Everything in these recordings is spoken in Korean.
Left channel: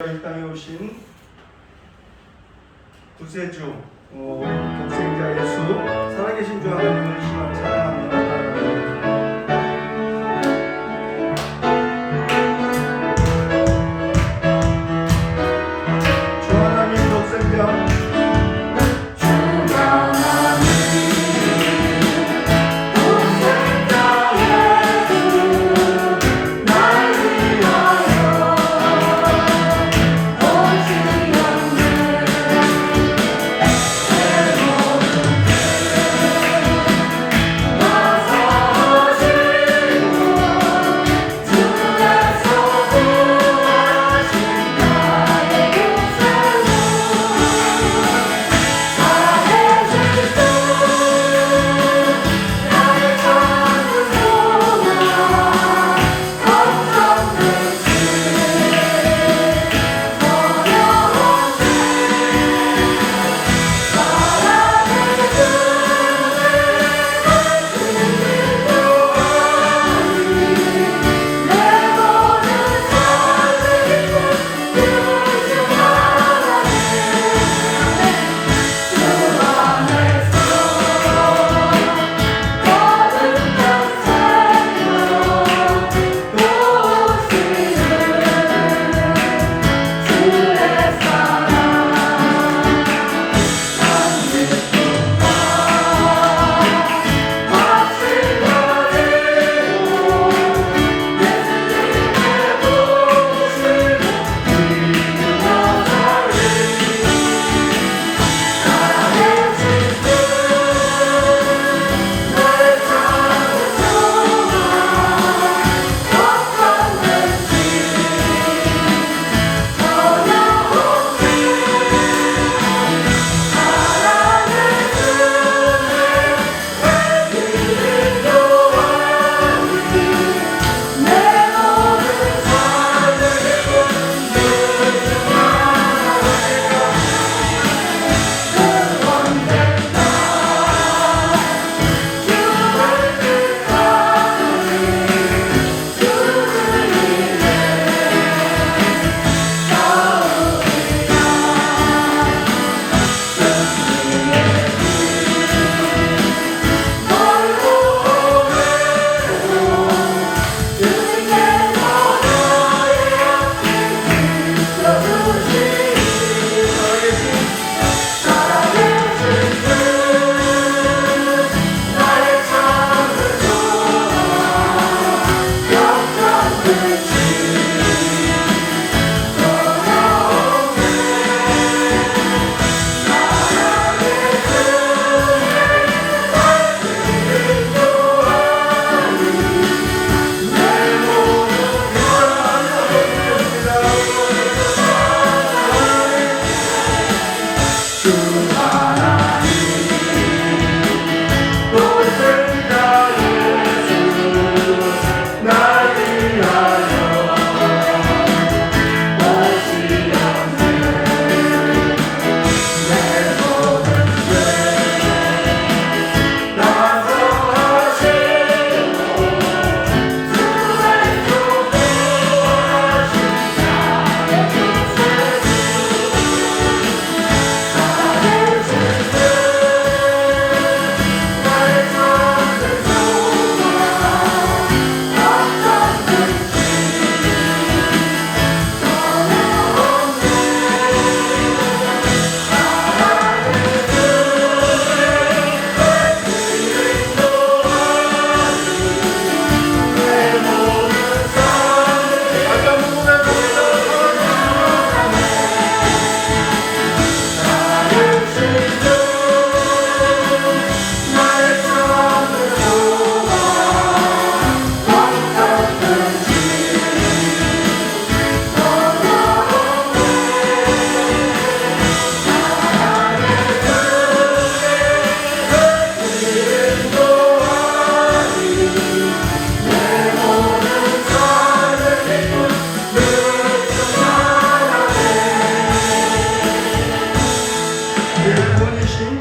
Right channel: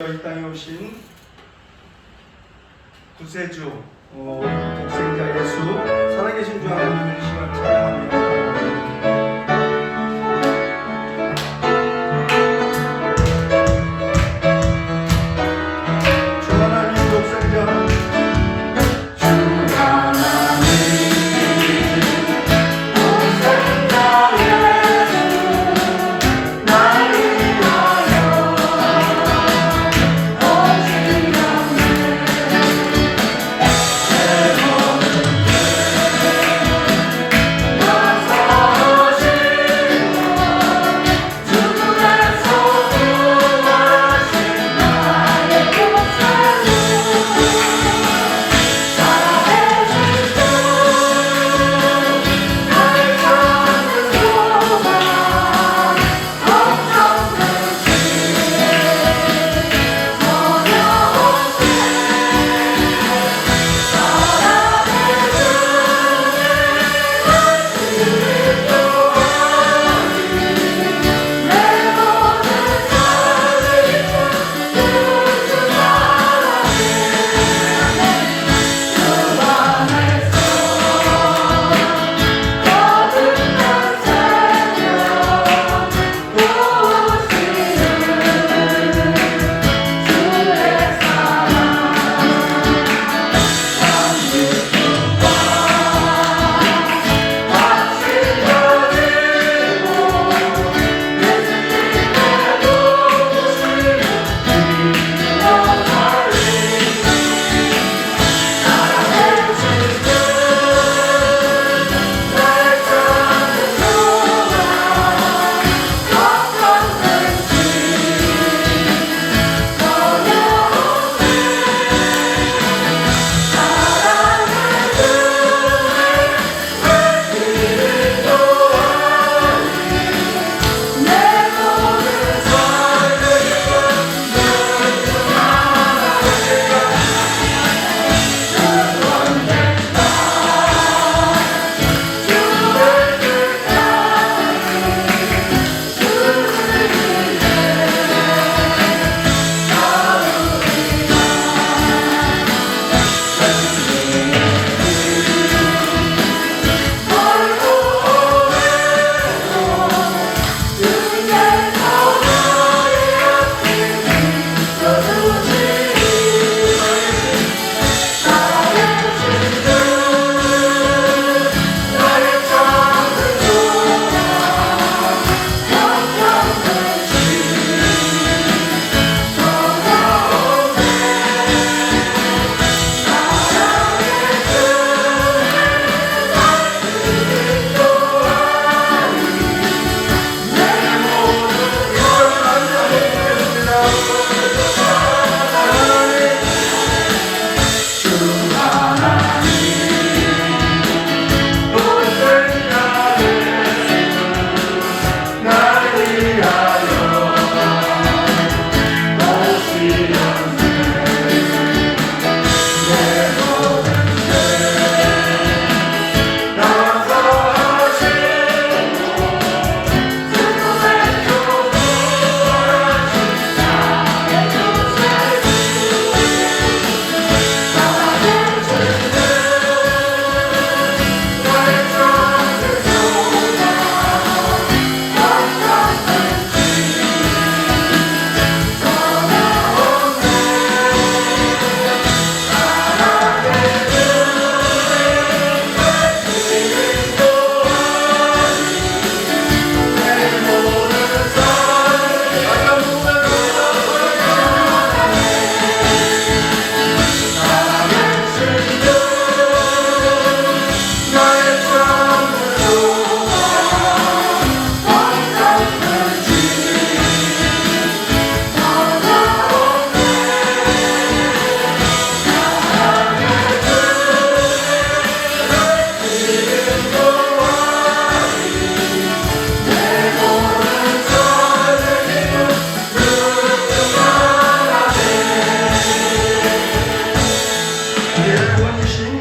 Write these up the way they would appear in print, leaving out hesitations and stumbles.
이 땅에 오신 구세주 독생자 예수 살아계신 주 하나님을 시간 찬양합니다.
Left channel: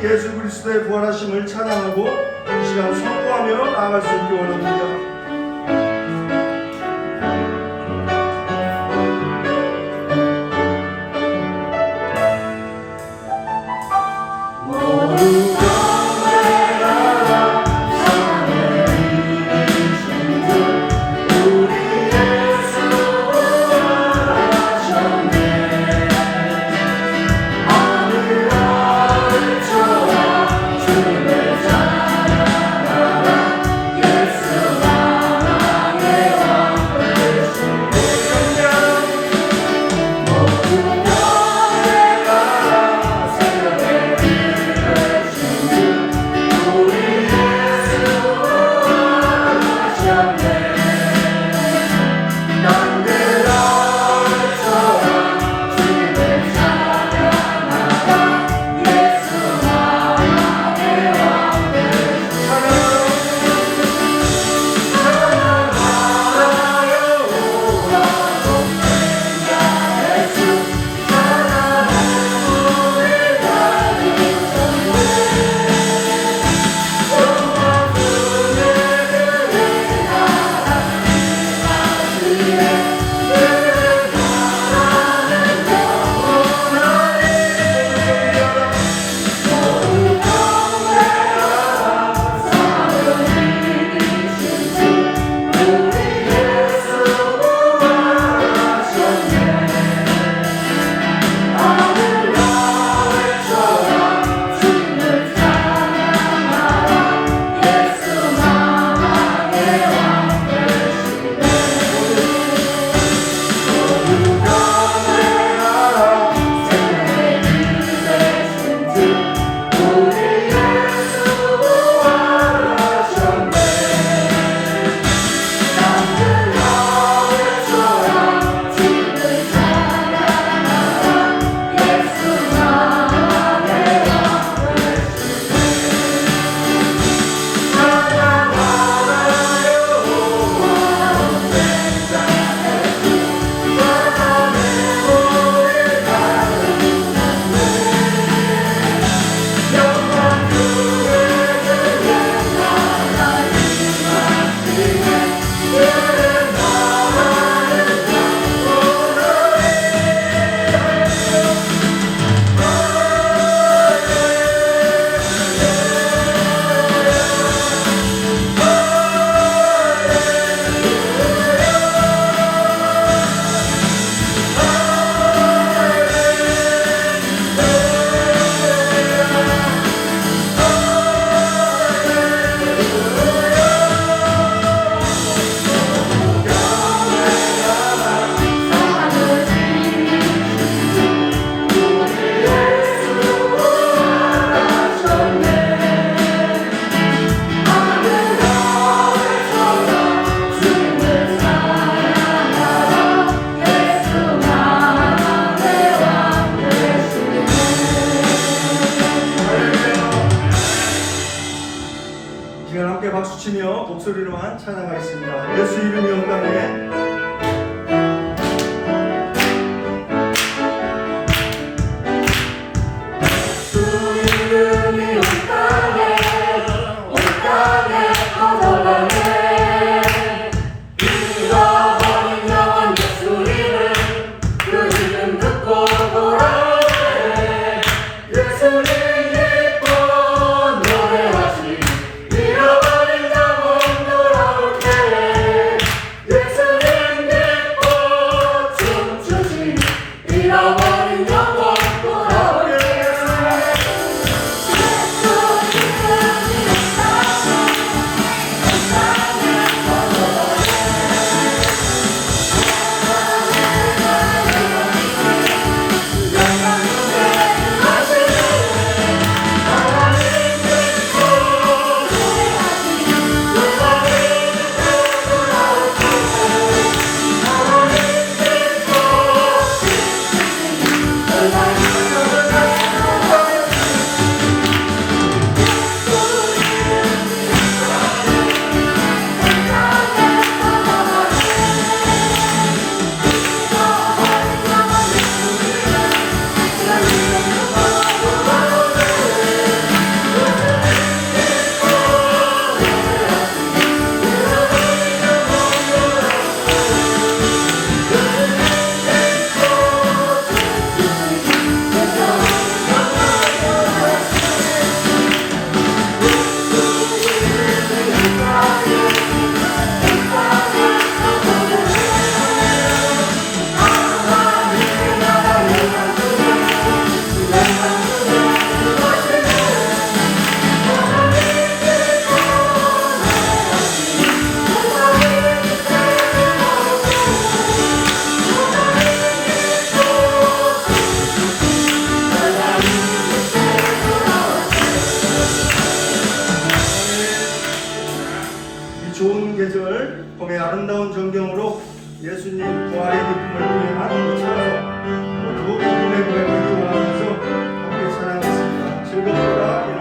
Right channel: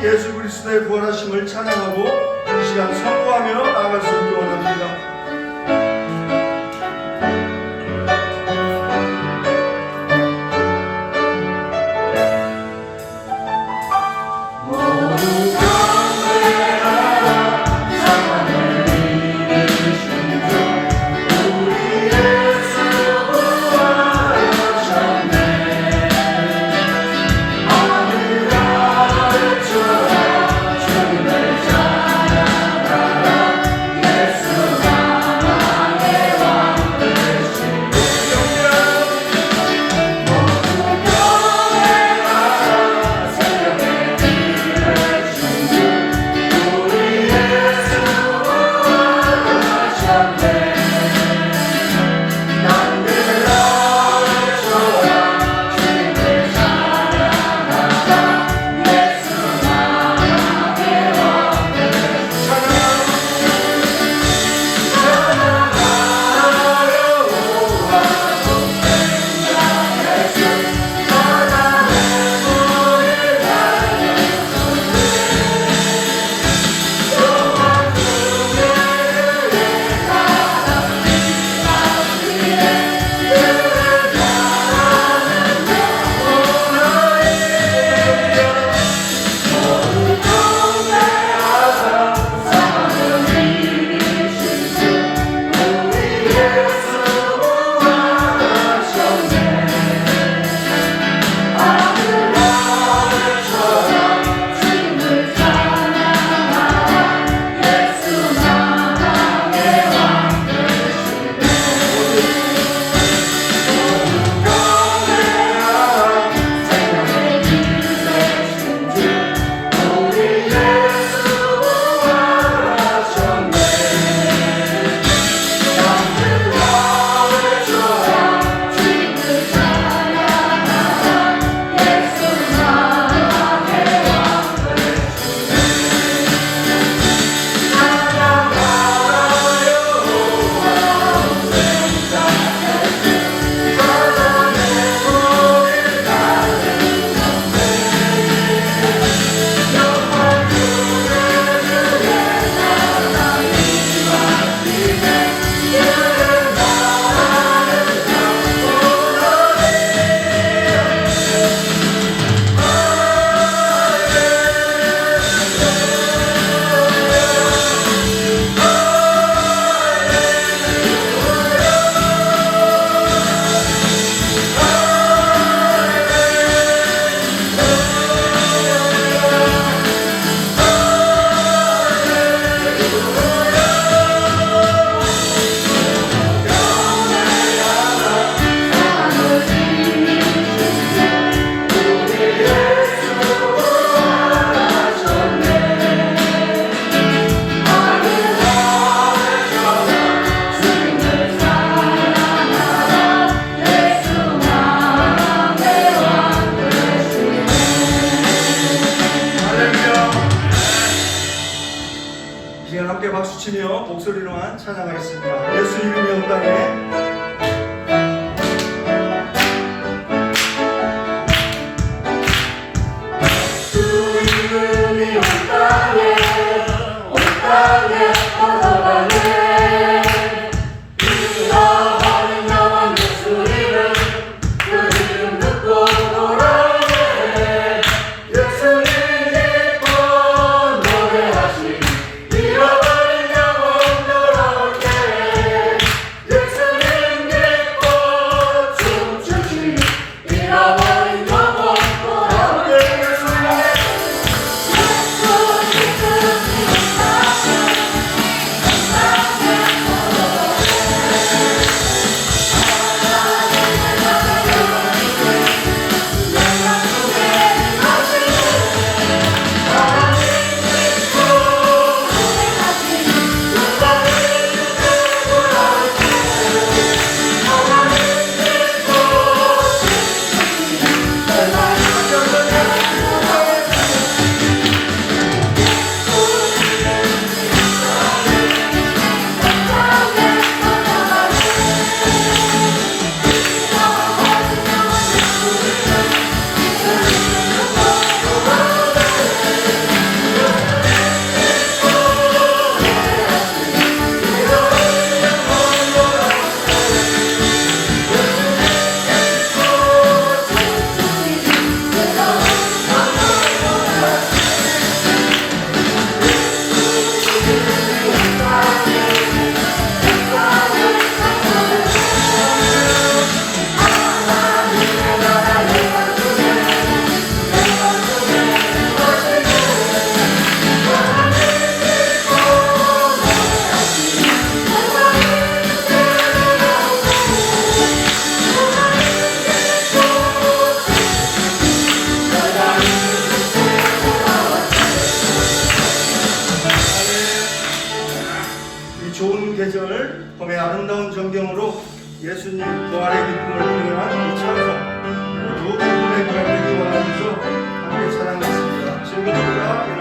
예수 그리스도의 부활하심을 찬양하고 이 시간 선포하며 나아갈 수 있기 원합니다. 목소리로만 찬양하겠습니다. 예수 이름이 온다네. 좋은 계절, 봄의 아름다운 전경으로 예수님 부활의 기쁨을 구현한 이 찬송 모두 기쁨의 고백하기 원하면서 함께 찬양했습니다. 즐겁도다 그날.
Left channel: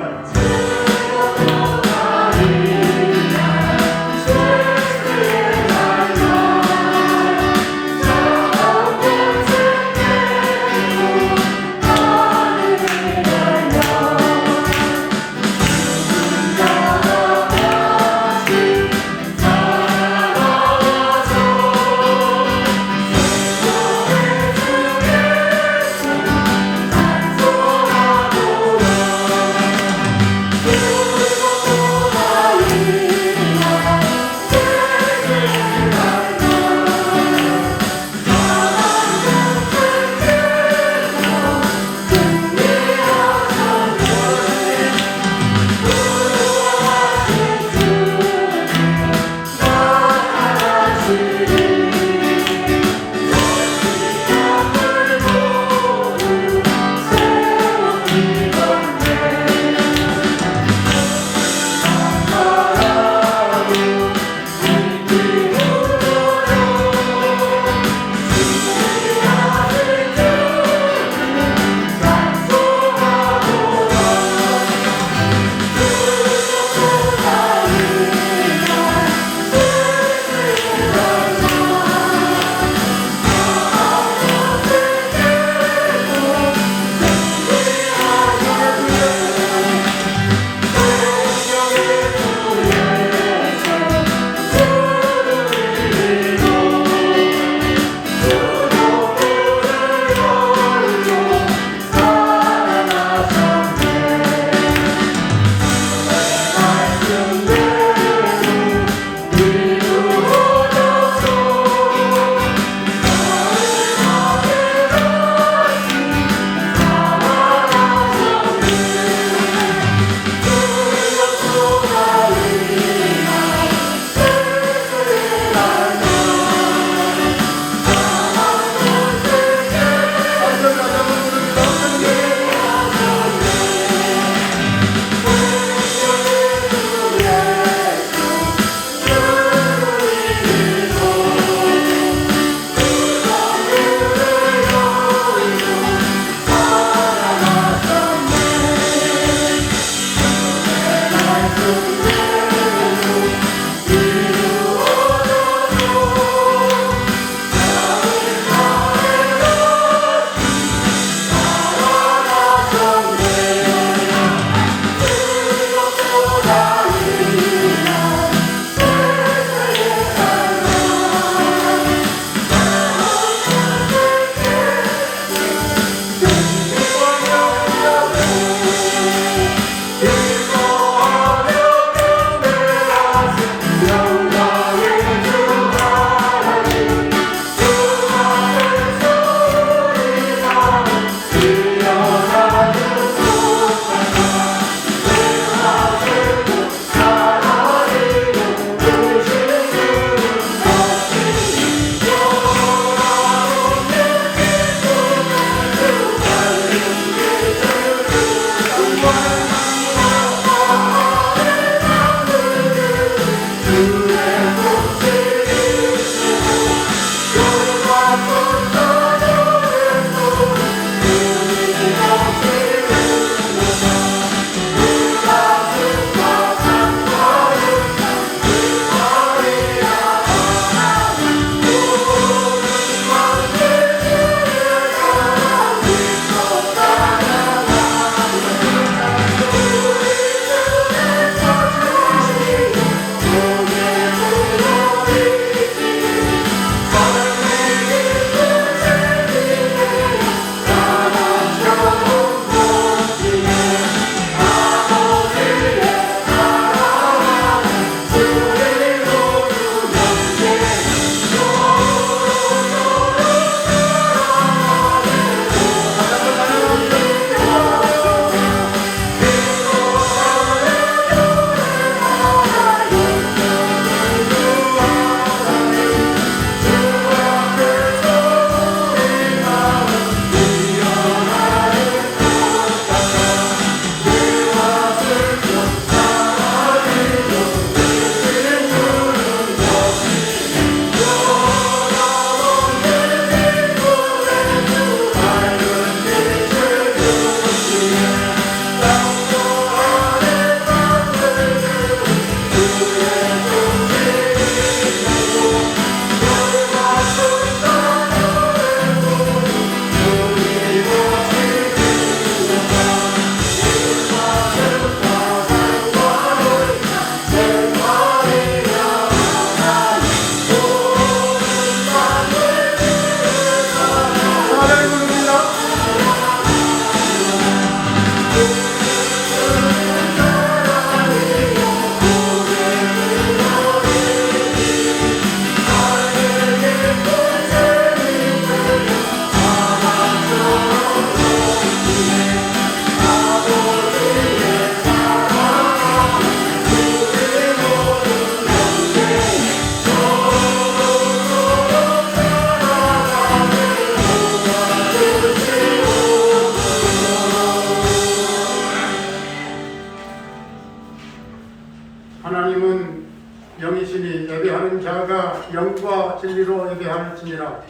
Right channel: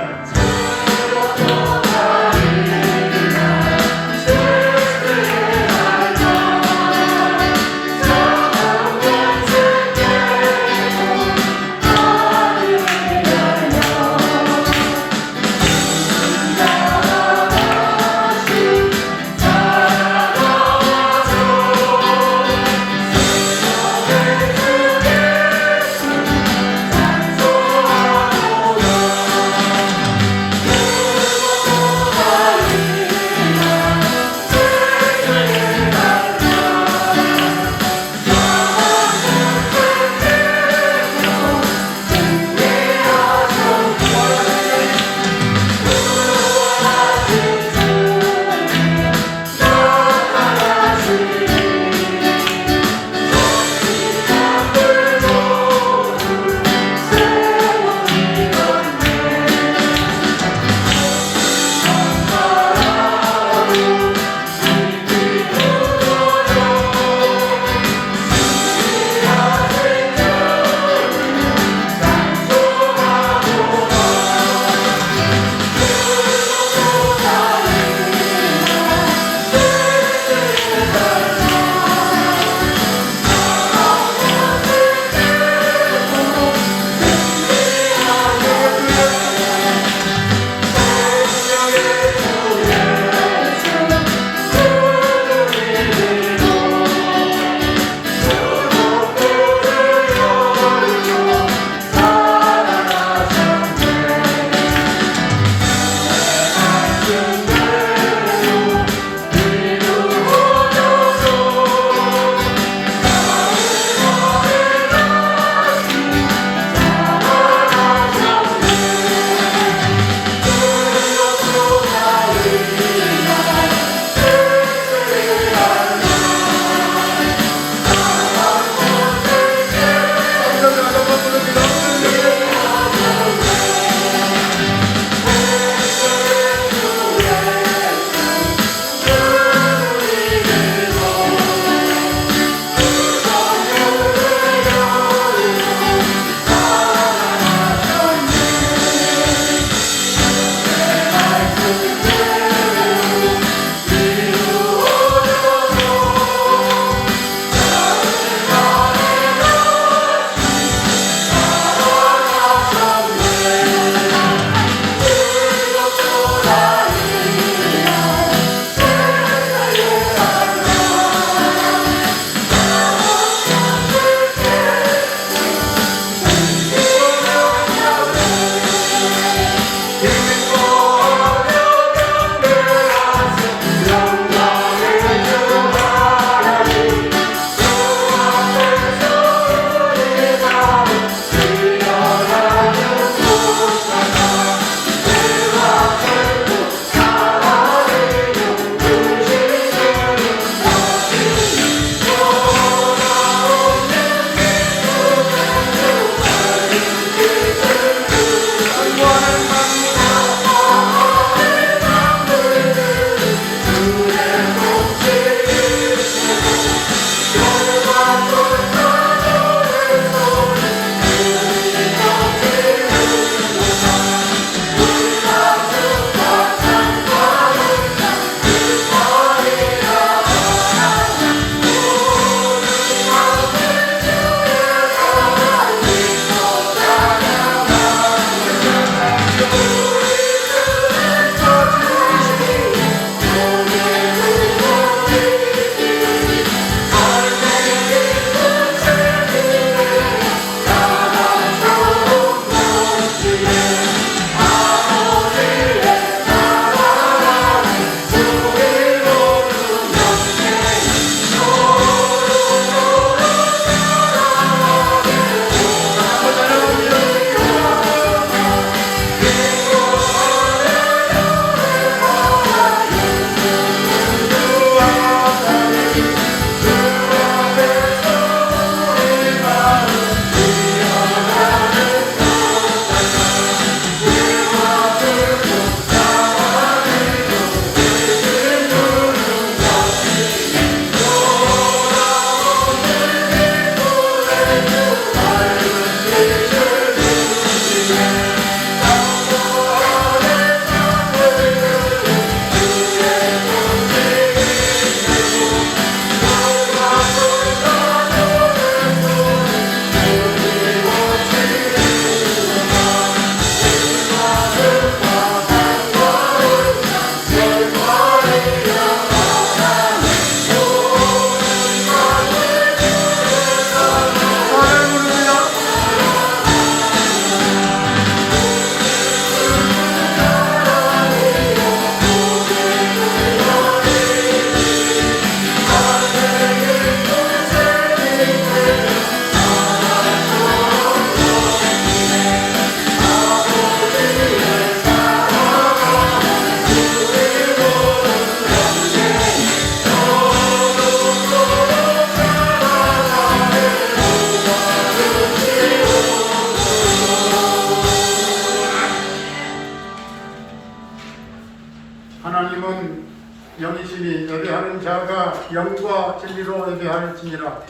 영과 진리로 예배할지니라.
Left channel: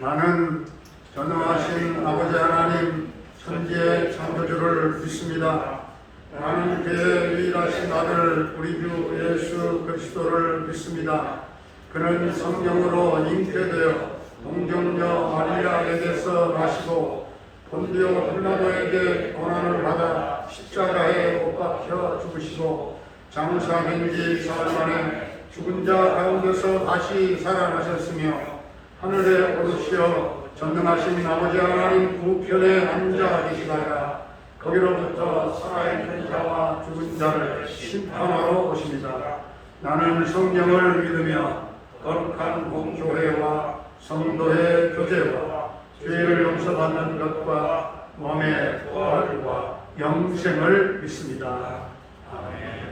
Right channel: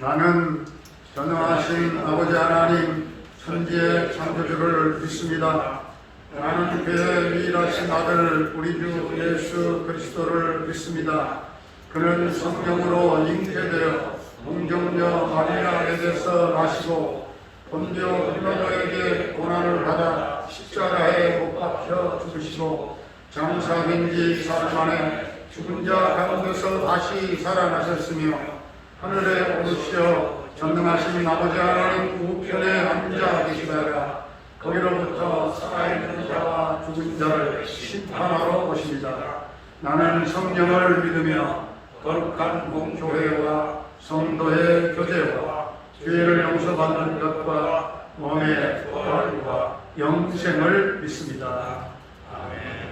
나는 전능하신 아버지 하나님 천지의 창조주를 믿습니다. 나는 그의 유일하신 아들 우리 주 예수 그리스도를 믿습니다. 그는 성령으로 잉태되어 동정녀 마리아에게서 나시고 본디오 빌라도에게 고난을 받아 십자가에 못 박혀 죽으시고 장사된 지 사흘 만에 죽은 자 가운데서 다시 살아나셨으며 하늘에 오르시어 전능하신 아버지 하나님 우편에 앉아 계시다가 거기로부터 살아있는 자와 죽은 자를 심판하러 오십니다. 나는 성령을 믿으며 거룩한 공교회와 성도의 교제와 죄를 용서받는 것과 몸의 부활과 영생을 믿습니다. 아멘.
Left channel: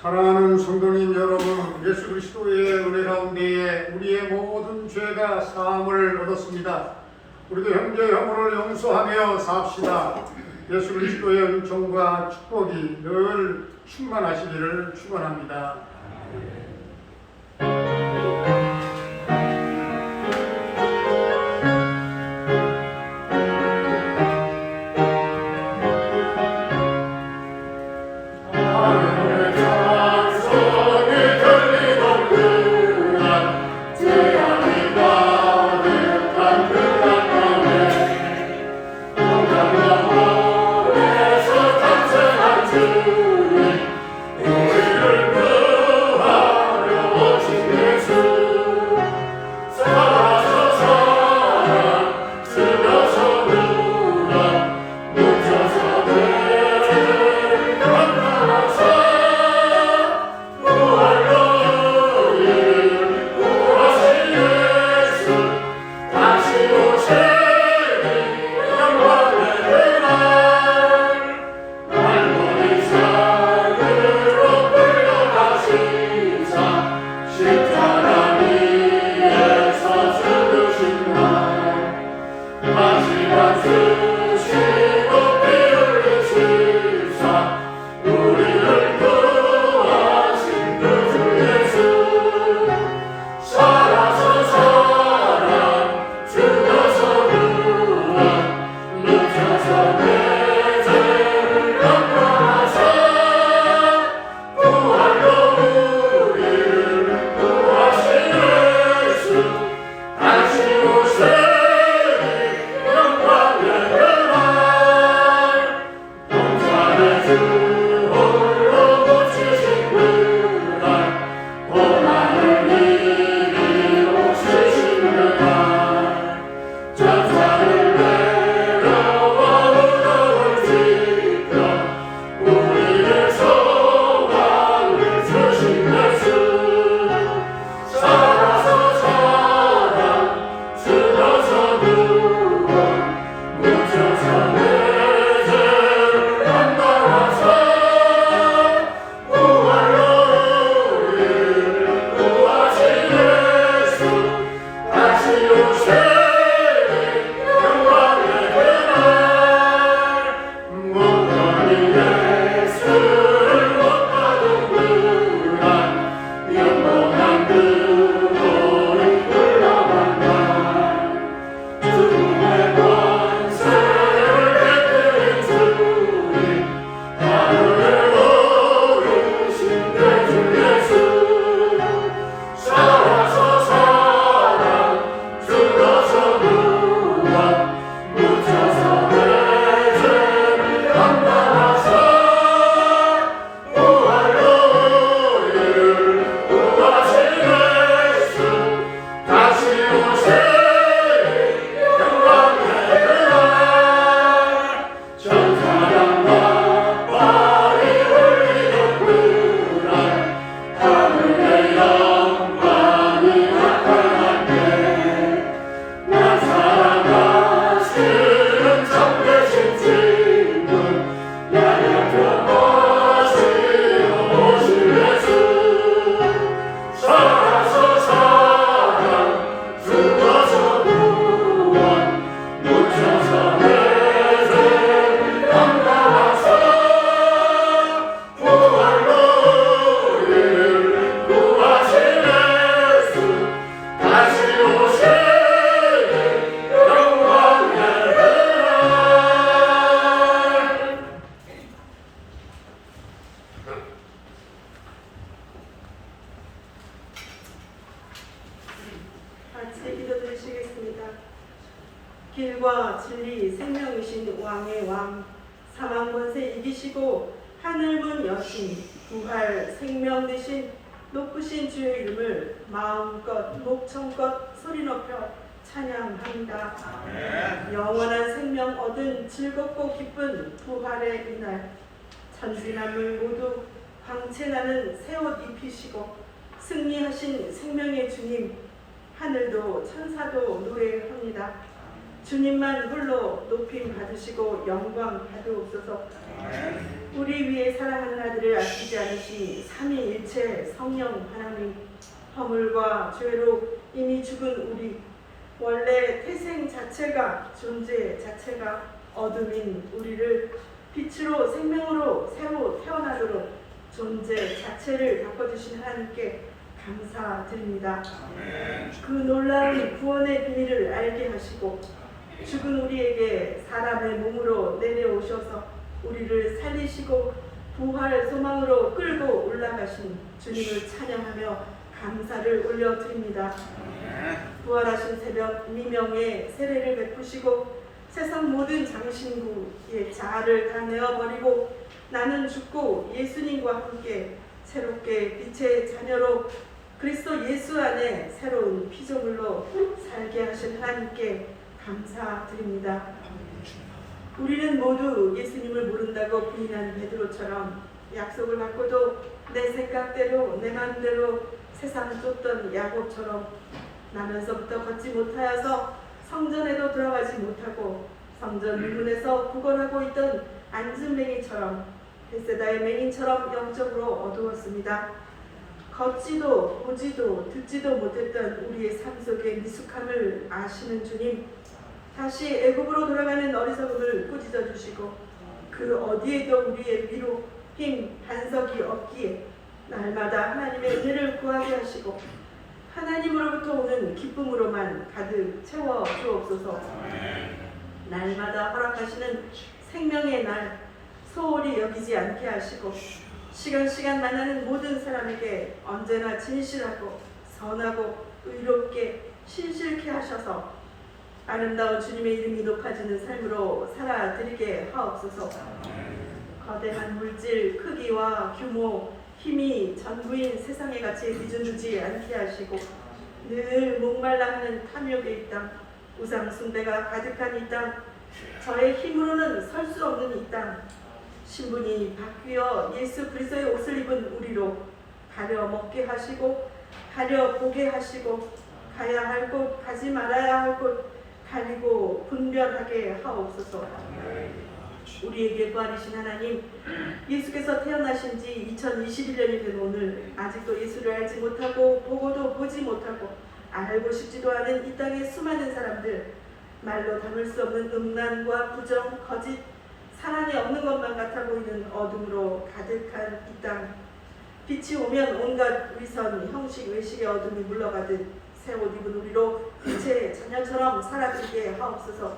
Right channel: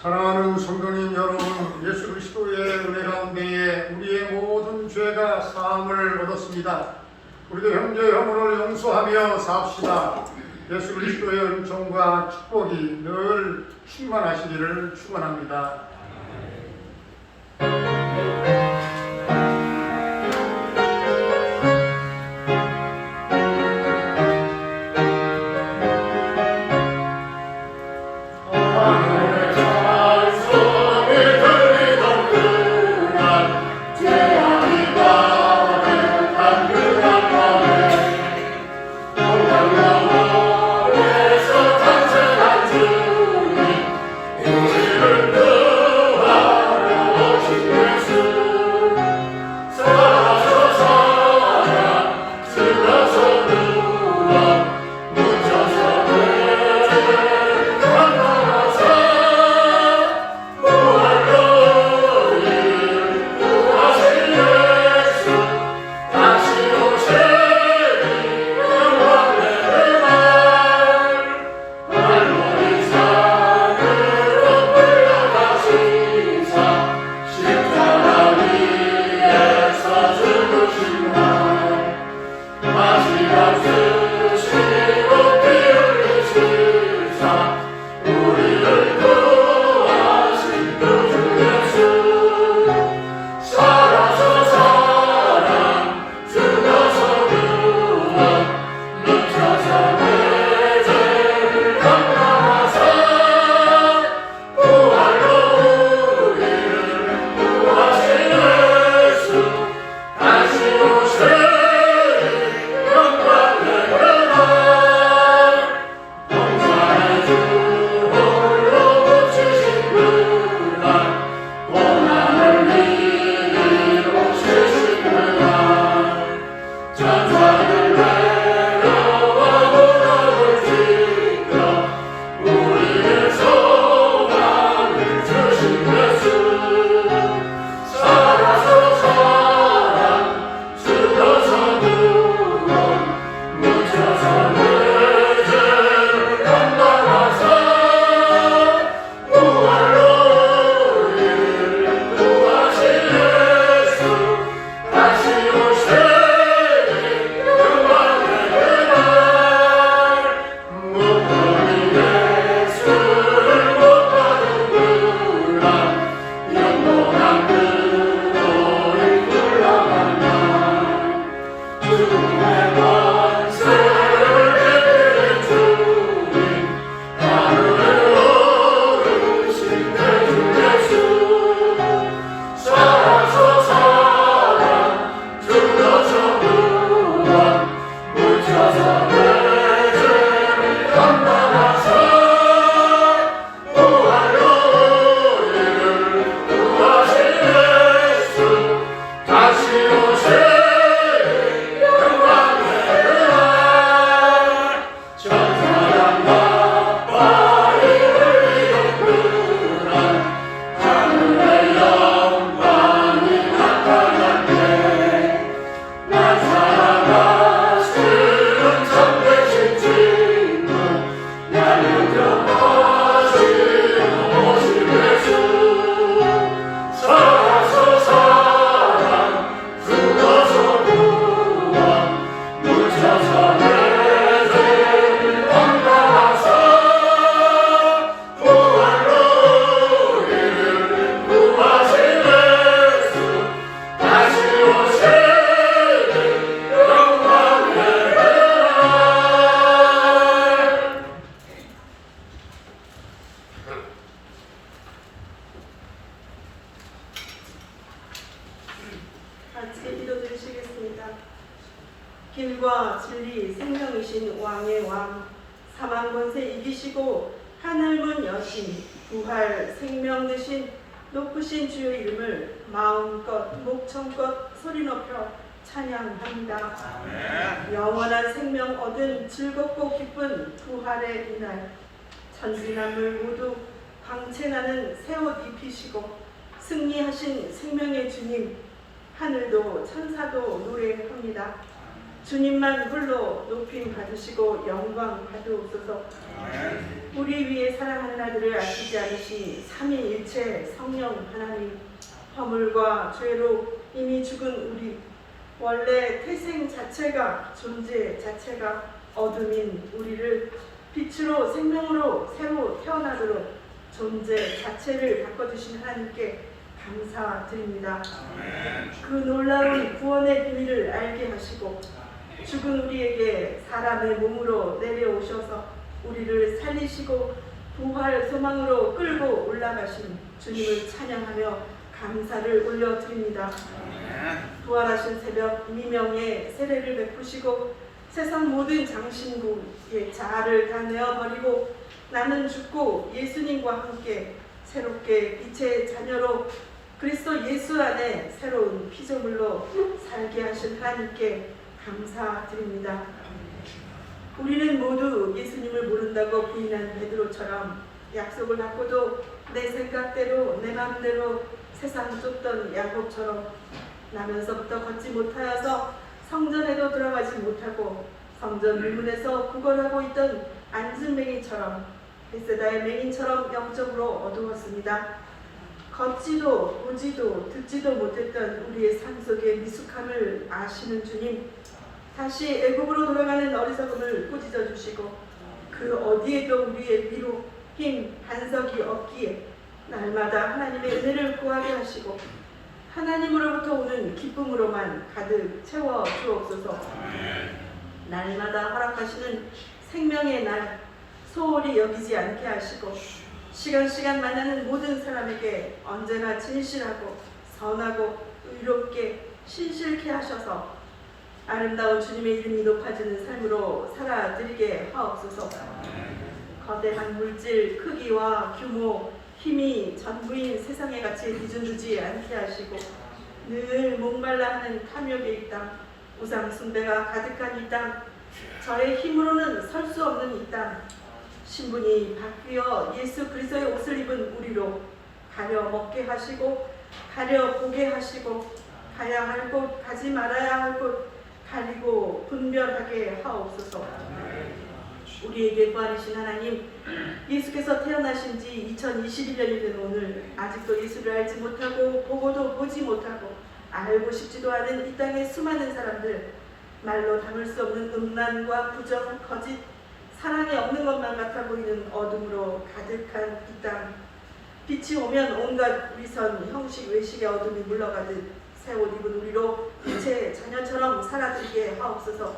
사랑하는 성도님 여러분, 예수 그리스도의 은혜 가운데에 우리의 모든 죄가 사함을 얻었습니다. 우리도 형제 형을 용서하며 삽시다. 예수 그리스도의 은총과 축복이 늘 충만하시기를 축원합니다. 같이 기도드리시겠습니다. 길과 진리 생명이신 왕의 왕, 사망 권세 이기시고 하늘문 여신, 부활 생명 되신 높으신 주의 이름을 마음껏 목청껏 소리 높여 찬양합니다. 영원한 생명 얻은 즐겁고 기쁜 부활의 이날, 천지만물 모두 광채나는 새 옷 입히시고 승리하신 생명의 주님, 하늘도 천사도 노래합니다. 주님만 홀로 높임 받으시고 영광 받으옵소서. 우리 위해 사랑하는 아들을 아끼지 않으시 삼위일체 성령 하나님, 허물과 죄로 이미 죽은 우리, 원래 태생 자체가 존재 자체가 어둠인 우리를 빛으로 생명으로 새로 태어나도록 존재 자체를 바꿔주신 하나님께 감사드립니다. 그 놀라운 구원의 비밀을 알게 하시고 죽은 우리에게 사람의 몸으로 내려오셔서 우리를 살리시고 부활 소망으로 끌고 올라가신 주님을 찬양하며 감사를 올려드립니다. 부활하신 새벽 미명에 세례를 베푸시고 세상 모든 장신구의 자아를 다 내어버리고 나는 죽고 예수님과 함께 새롭게 빛의 자녀로 그리스도 예수 안에 새로운 피조물로 살게 하신 하나님께 감사드립니다. 우리는 모두 예수님을 모른다고 부인한 베드로처럼 약속을 갖고도 내 생각대로 내 마음대로 세상 쫓던 야곱처럼 나면서부터 걷지 못하여서 성전에도 들어가지 못하고 성전 유문에서 구걸하고 있던 안진뱅이처럼 벳세다의 맹인처럼 영적으로 어두웠습니다. 걷지도 보지도 듣지도 못했던 우리의 삶 속의 미숙함을 아시는 주님, 다시 애굽으로 돌아가는 어리석음을 꾸짖어 주시고 그 어디에도 우리의 위로 힘 반석이 없기에 날마다 하나님의 은혜를 구하게 하시고 하나님으로부터 오는 기쁨으로만 가득 채워 주옵소서. 날마다 허락하시는 생명의 날 소홀히 여기지 않게 하시고 시간 만나는 모든 사람에게 언제나 진실하고 선하고 의롭게 신실케 하셔서 아름다운 주님의 이름이 높아지는 삶으로 살아드리게 하옵소서. 거대한 물질, 크기와 규모, 힘이 전부인 세상의 가치에 기준 두지 않게 하시고 늘 목말라 하는 탐욕의 이 땅, 우상 숭배가 가득한 이 땅, 저의 힘으로는 설 수 없는 이 땅, 신분이 바뀌어 예수 그리스도의 옷을 입은 우리로 가려 먹게 하시고 가려 보게 하시고 가야 할 곳 가지 말아야 할 곳 가리고 분별하게 하옵소서. 우리에게 구하시는 하나님, 예수께서 태어나신 지 2021년이 된 오늘 아직도 예수를 알지 못하고 보고도 보지 못하고 알고 싶지도 않은 이 땅의 수많은 사람들, 말로 담을 수 없는 음란과 부정, 거짓, 사랑이 없는 것만 같아 보이는 어둠으로 가득한 이 땅, 빛이 오면 온갖 위선, 형식, 외식의 어둠이 물러가듯 새 옷 입은 우리로 빛의 자녀처럼 살아들게 하옵소서.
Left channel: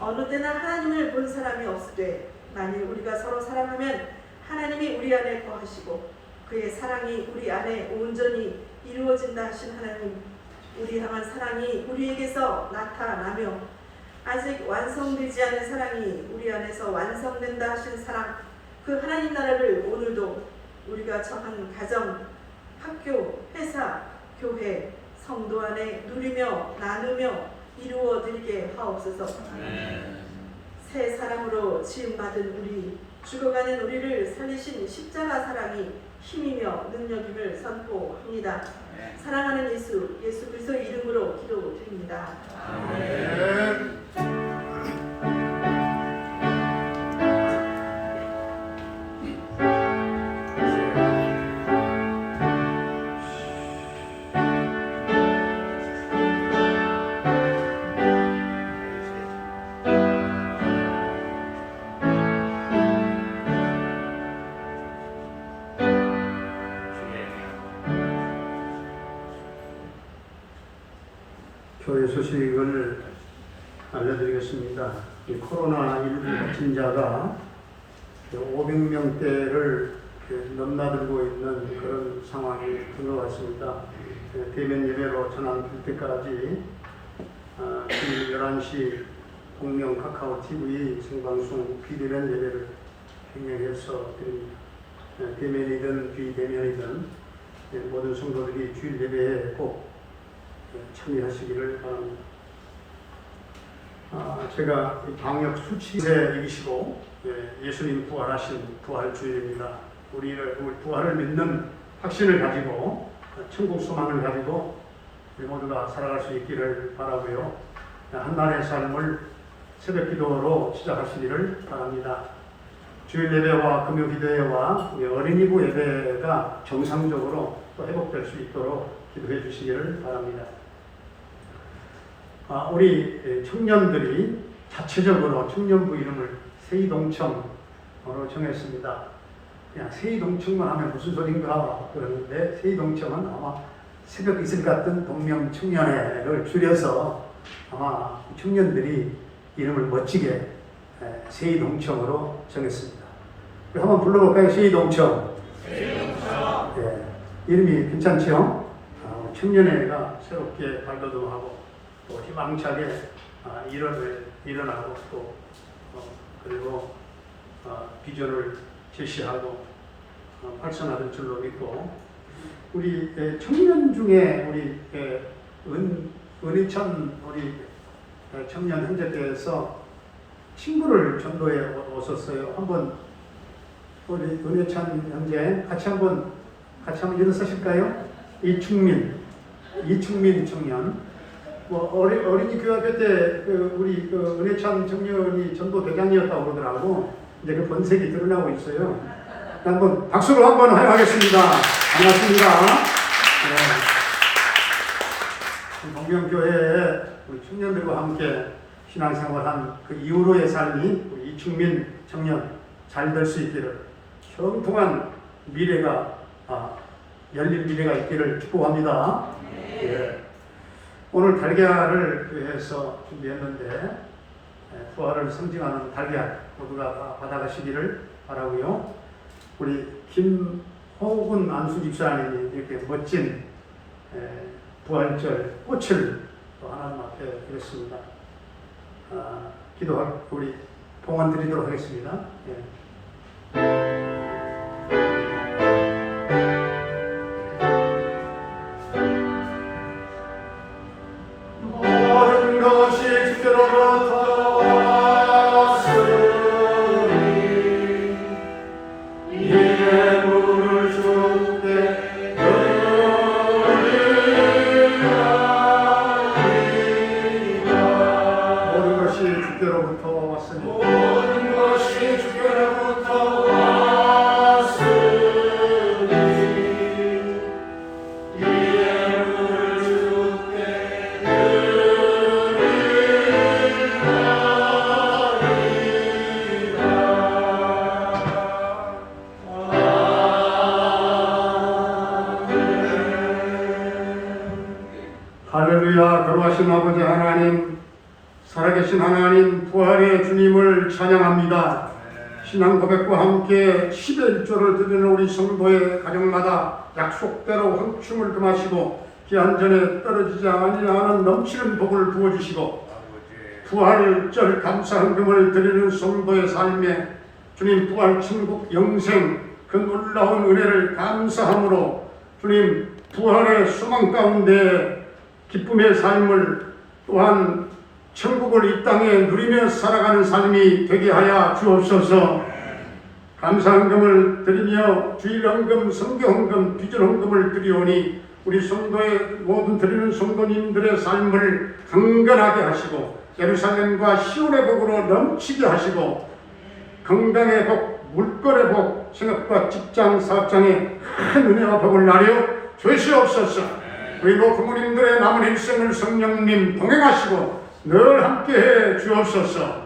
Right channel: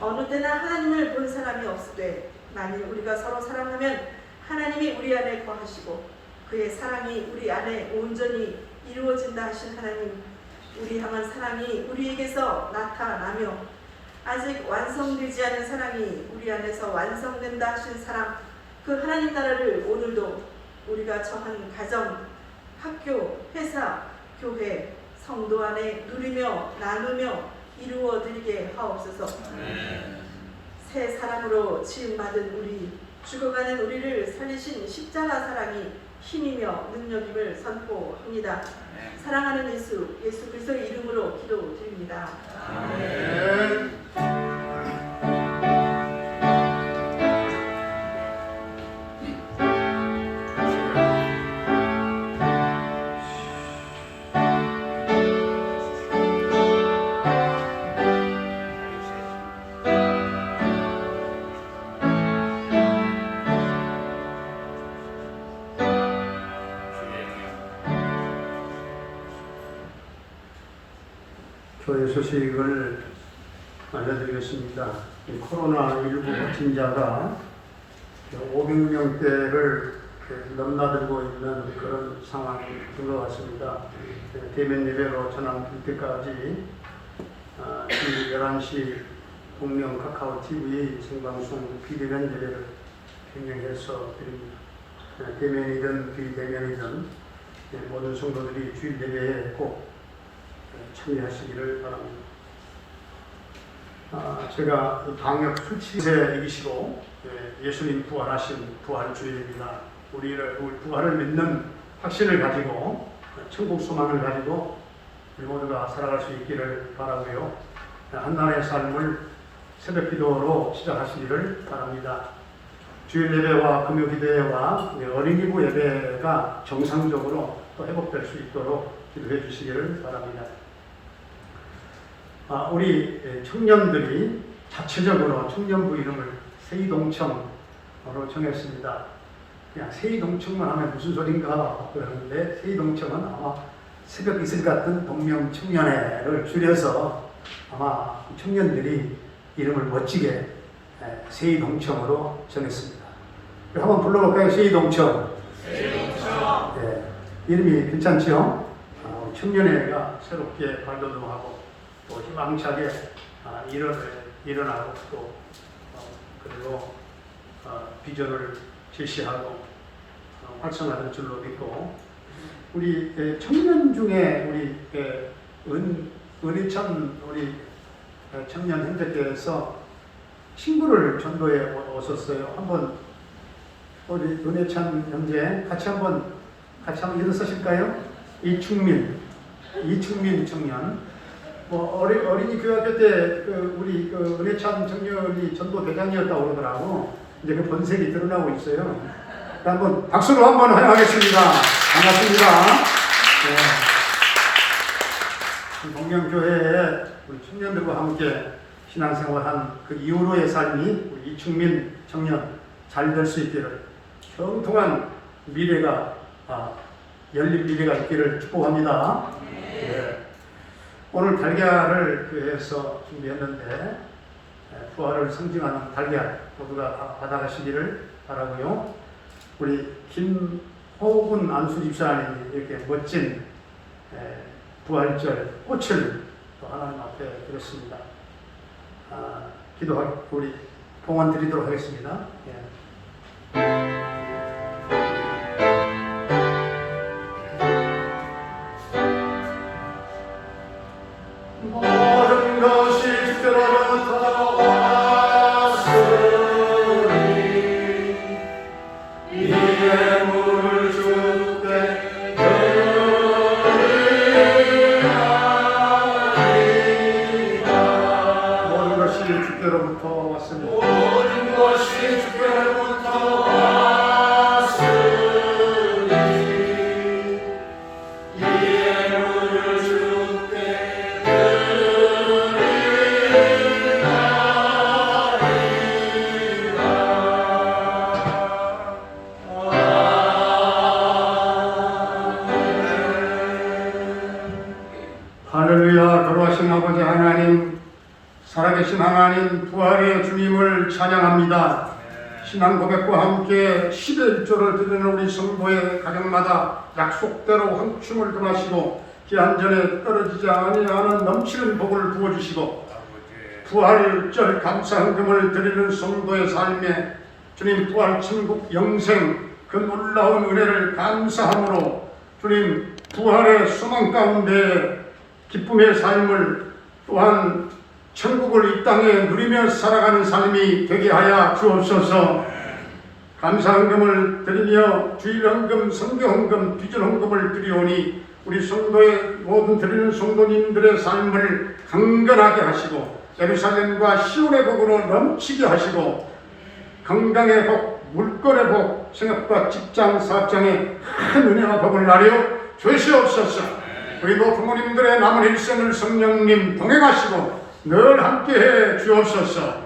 어느 때나 하나님을 본 사람이 없으되 만일 우리가 서로 사랑하면 하나님이 우리 안에 거하시고 그의 사랑이 우리 안에 온전히 이루어진다 하신 하나님, 우리 향한 사랑이 우리에게서 나타나며 아직 완성되지 않은 사랑이 우리 안에서 완성된다 하신 사랑, 그 하나님 나라를 오늘도 우리가 처한 가정, 학교, 회사, 교회, 성도 안에 누리며 나누며 이루어드리게 하옵소서. 새 사랑으로 지음받은 우리, 죽어가는 우리를 살리신 십자가 사랑이 힘이며 능력임을 선포합니다. 사랑하는 예수 그리스도의 이름으로 기도드립니다. 아멘. 교회 소식을 알려드리겠습니다. 코로나19 확진자가 500명대를 넘나들고 있는 그런 상황인 것 같습니다. 대면 예배로 전환될 때까지 11시 공명 카카오 TV의 생방송 비대면 예배를 경영해서 드립니다. 대면이든 비대면이든 모든 성도들이 주일 예배에 꼭 참여하시기를 바랍니다. 제가 방역 수치에 이기시고 예수님 부활하신 부활주일입니다. 우리 부활을 믿는 확신을 가지고 천국 소망을 가지고 우리 모두가 살아갈 수 있기를 바라고요. 한 날의 삶을 새벽 기도로 시작하시기를 바랍니다. 주일 예배와 금요 기도회와 어린이부 예배가 정상적으로 또 회복될 수 있도록 기도해 주시기를 바랍니다. 우리 청년들이 자체적으로 청년부 이름을 세이동청으로 정했습니다. 그냥 세이동청만 하면 무슨 소린가 그러는데 세이동청은 아마 새벽 이슬 같은 동명청년회를 줄여서 아마 청년들이 이름을 멋지게 세이동청으로 정했습니다. 한번 불러볼까요? 세이동청. 이름이 괜찮죠? 청년회가 새롭게 발돋움하고 또 희망차게 일어나고 또 그리고 비전을 제시하고 활성화될 줄로 믿고 우리 청년 중에 우리 은희찬 우리 청년 형제께서 친구를 전도에 오셨어요. 한번 우리 은혜찬 형제 같이 한번 일어서실까요? 이충민 청년. 어린이 교육할 때 우리 은혜찬 청년이 전도 대장이었다고 그러더라고. 이제 그 본색이 드러나고 있어요. 한번 박수로 한번 환영하겠습니다. 반갑습니다. 동경교회에 우리 청년들과 함께 신앙생활한 그 이후로의 삶이 이충민 청년 잘 될 수 있기를 형통한 미래가 열린 미래가 있기를 축복합니다. 오늘 달걀을 교회에서 준비했는데 부활을 상징하는 달걀 모두가 받아가시기를 바라고요. 우리 김호근 안수집사님이 이렇게 멋진 부활절 꽃을 또 하나님 앞에 드렸습니다. 기도하고 우리 봉헌 드리도록 하겠습니다. 모든 것이 주께로부터 왔으니 이 예물을 주께 드리나이다. 모든 것이 주께로부터 왔으니 모든 것이 주께로부터 왔으니 이 예물을 주께 할렐루야. 거룩하신 아버지 하나님, 살아계신 하나님, 부활의 주님을 찬양합니다. 신앙 고백과 함께 10의 1조를 드리는 우리 성도의 가정마다 약속대로 황춤을 금하시고 기한전에 떨어지지 아니하는 넘치는 복을 부어주시고 부활절 감사헌금을 드리는 성도의 삶에 주님 부활 천국 영생 그 놀라운 은혜를 감사함으로 주님 부활의 소망 가운데 기쁨의 삶을 또한 천국을 이 땅에 누리며 살아가는 삶이 되게 하여 주옵소서. 감사헌금을 드리며 주일헌금, 성경헌금, 비전헌금을 드리오니 우리 성도의 모든 드리는 성도님들의 삶을 강건하게 하시고 예루살렘과 시온의 복으로 넘치게 하시고 건강의 복, 물거의 복, 생업과 직장, 사업장에 큰 은혜와 복을 나려 주시옵소서. 그리고 부모님들의 남은 일생을 성령님 동행하시고 늘 함께해 주옵소서.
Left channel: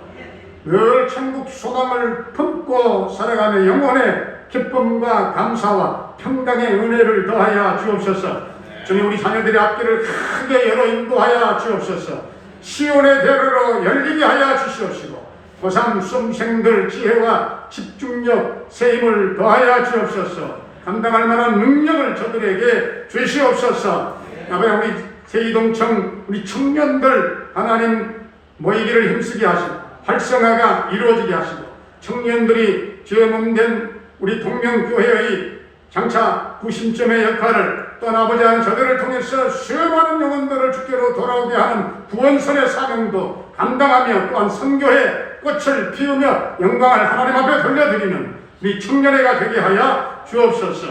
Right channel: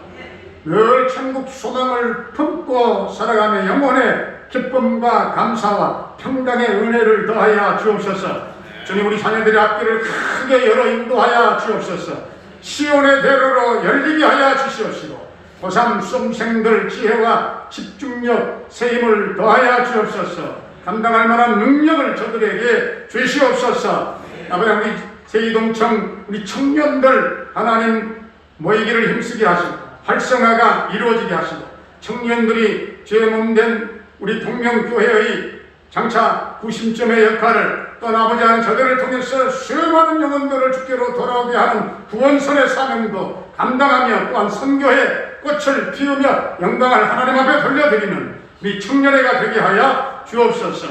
늘 천국 소망을 품고 살아가는 영혼의 기쁨과 감사와 평강의 은혜를 더하여 주옵소서. 주님 우리 자녀들의 앞길을 크게 열어 인도하여 주옵소서. 시온의 대로로 열리게 하여 주시옵시고 고3 수험생들 지혜와 집중력, 세임을 더하여 주옵소서. 감당할 만한 능력을 저들에게 주시옵소서. 아버지, 우리 제2동청 우리 청년들 하나님 모이기를 힘쓰게 하시고 활성화가 이루어지게 하시고 청년들이 죄 몸된 우리 동명교회의 장차 구심점의 역할을 또 아버지 하나님 저들을 통해서 수많은 영혼들을 주께로 돌아오게 하는 구원선의 사명도 감당하며 또한 선교의 꽃을 피우며 영광을 하나님 앞에 돌려드리는 우리 청년회가 되게 하여 주옵소서.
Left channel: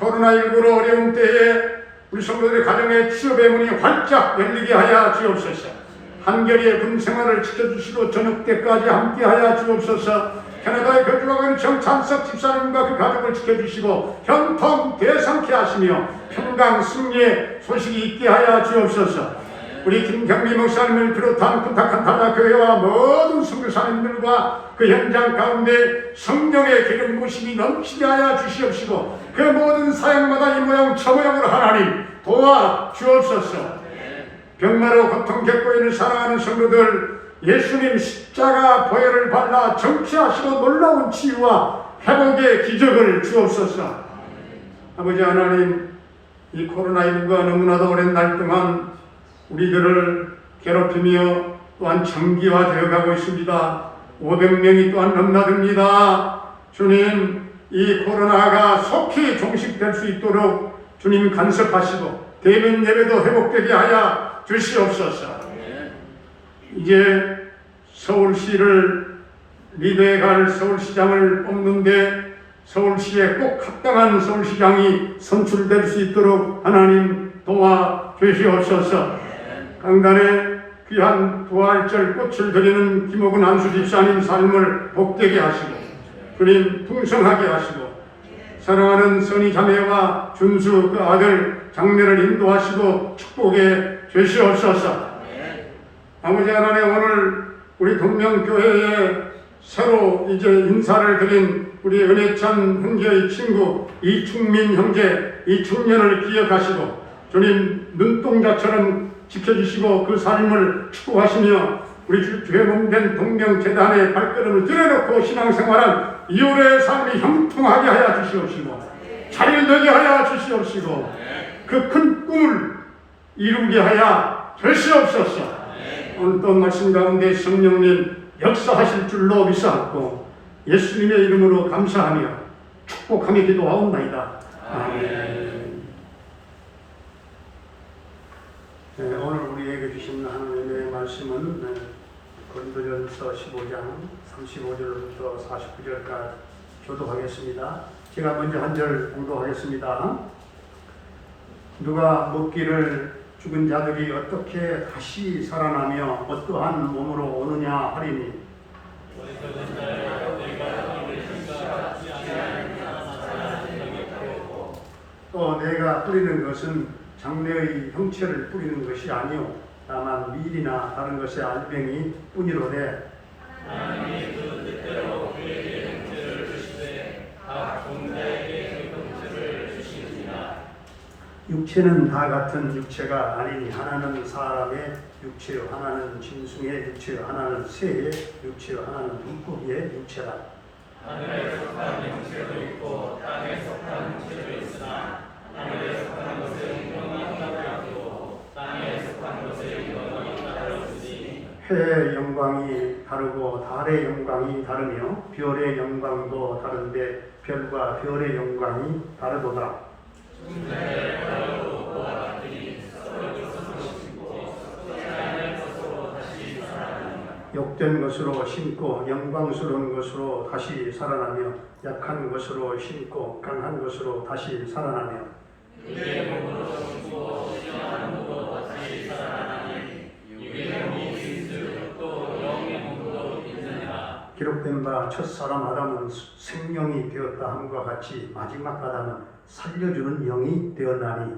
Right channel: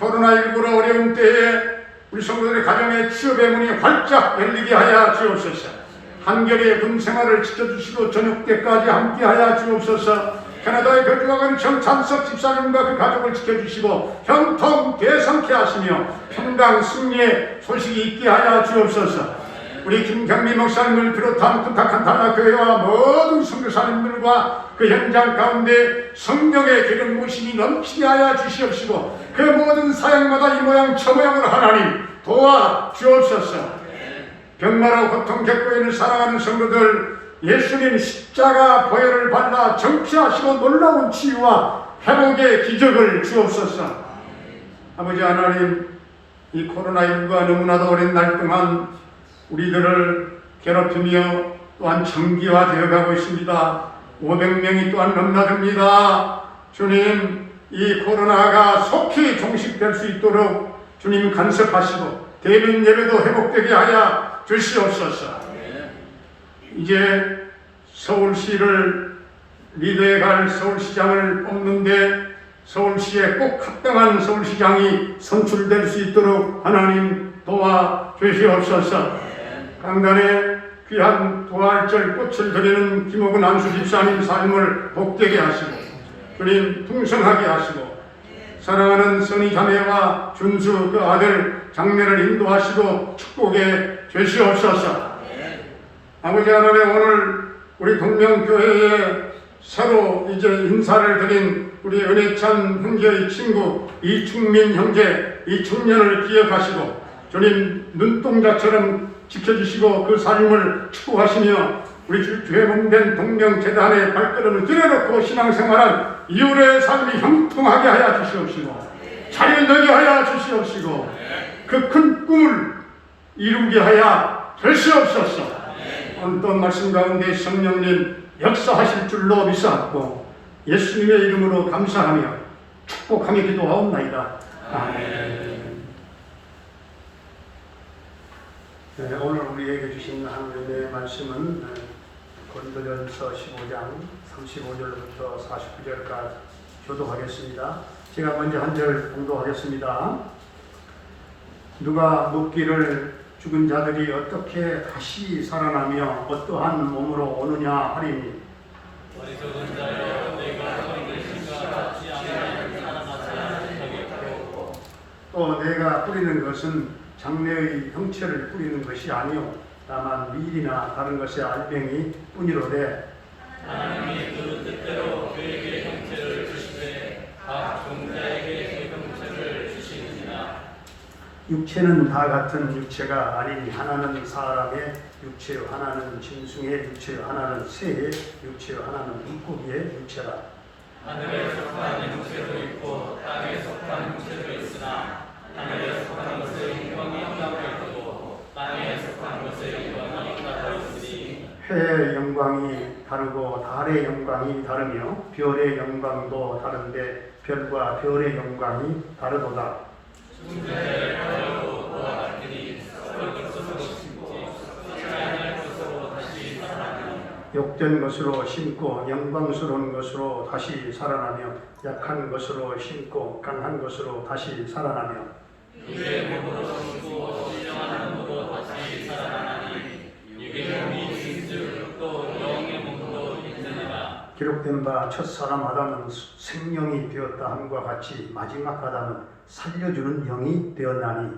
코로나19로 어려운 때에 우리 성도들의 가정의 취업의 문이 활짝 열리게 하여 주옵소서. 한결의 금생활을 지켜주시고 저녁 때까지 함께하여 주옵소서. 캐나다에 거주하고 있는 정찬석 집사님과 그 가족을 지켜주시고 형통 대성케 하시며 평강 승리의 소식이 있게 하여 주옵소서. 우리 김경미 목사님을 비롯한 부탁한 단합교회와 모든 선교사님들과 그 현장 가운데 성령의 기름 부으심이 넘치게 하여 주시옵시고 그 모든 사역마다 이 모양 저 모양으로 하나님 도와 주옵소서. 병마로 고통 겪고 있는 사랑하는 성도들 예수님 십자가 보혈을 발라 정치하시고 놀라운 치유와 회복의 기적을 주옵소서. 아버지 하나님, 이 코로나19가 너무나도 오랜 날 동안 우리들을 괴롭히며 또한 장기화되어 가고 있습니다. 500명이 또한 넘나듭니다. 주님, 이 코로나가 속히 종식될 수 있도록 주님 간섭하시고 대면 예배도 회복되게 하여 주시옵소서. 이제 서울시를 리더에 갈 서울시장을 뽑는데 서울시에 꼭 합당한 서울시장이 선출될 수 있도록 하나님 도와 주시옵소서. 강단에 귀한 부활절 꽃을 드리는 김옥은 안수 집사님 삶을 복되게 하시고 주님 풍성하게 하시고 사랑하는 선희 자매와 준수 그 아들 장례를 인도하시고 축복해 주시옵소서. 아버지 하나님, 오늘 우리 동명교회에 새로 이제 인사를 드린 우리 은혜찬 형제의 친구 이충민 형제, 이 청년을 기억하시고 주님 눈동자처럼 지켜주시고 그 삶을 축복하시며 우리 주의 몸된 동명재단의 발걸음을 들여놓고 신앙생활한 이후의 삶이 형통하게 하여 주시옵시고 잘 되게 하여 주시옵시고 그 큰 꿈을 이루게 하여 주시옵소서. 오늘 또 말씀 가운데 성령님 역사하실 줄로 믿사옵고 예수님의 이름으로 감사하며 축복하며 기도하옵나이다. 아멘. 네, 오늘 우리에게 주신 하나님의 말씀은 고린도전서 15장 35절부터 49절까지 교도하겠습니다. 제가 먼저 한 절 공도하겠습니다. 누가 묻기를 죽은 자들이 어떻게 다시 살아나며 어떠한 몸으로 오느냐 하리니 또 내가 뿌리는 것은 장래의 형체를 뿌리는 것이 아니오 다만 밀이나 다른 것의 알맹이 뿐이로되 하나님이 그 뜻대로 그에게 형체를 주시되 각 종자에게 그 형체를 주시느니라. 육체는 다 같은 육체가 아니니 하나는 사람의 육체, 하나는 짐승의 육체, 하나는 새의 육체, 하나는 물고기의 육체라. 하늘에 속한 형체도 있고 땅에 속한 형체도 있으나 하늘에 속한 것의 형이 따르고 땅에 속한 것의 형이 따르니 해의 영광이 다르고 달의 영광이 다르며 별의 영광도 다른데 별과 별의 영광이 다르도다. 중자의 별로 그와 같으니 썩을 것으로 심고 썩지 않을 것으로 다시 살아나며 욕된 것으로 심고 영광스러운 것으로 다시 살아나며 약한 것으로 심고 강한 것으로 다시 살아나며 육의 몸으로 숨고 신령한 몸으로 다시 살아나니 육의 몸이 진주를 듣고 영의 몸도 있느니라. 기록된 바 첫사람 아담은 생명이 되었다 함과 같이 마지막 아담은 살려주는 영이 되었나니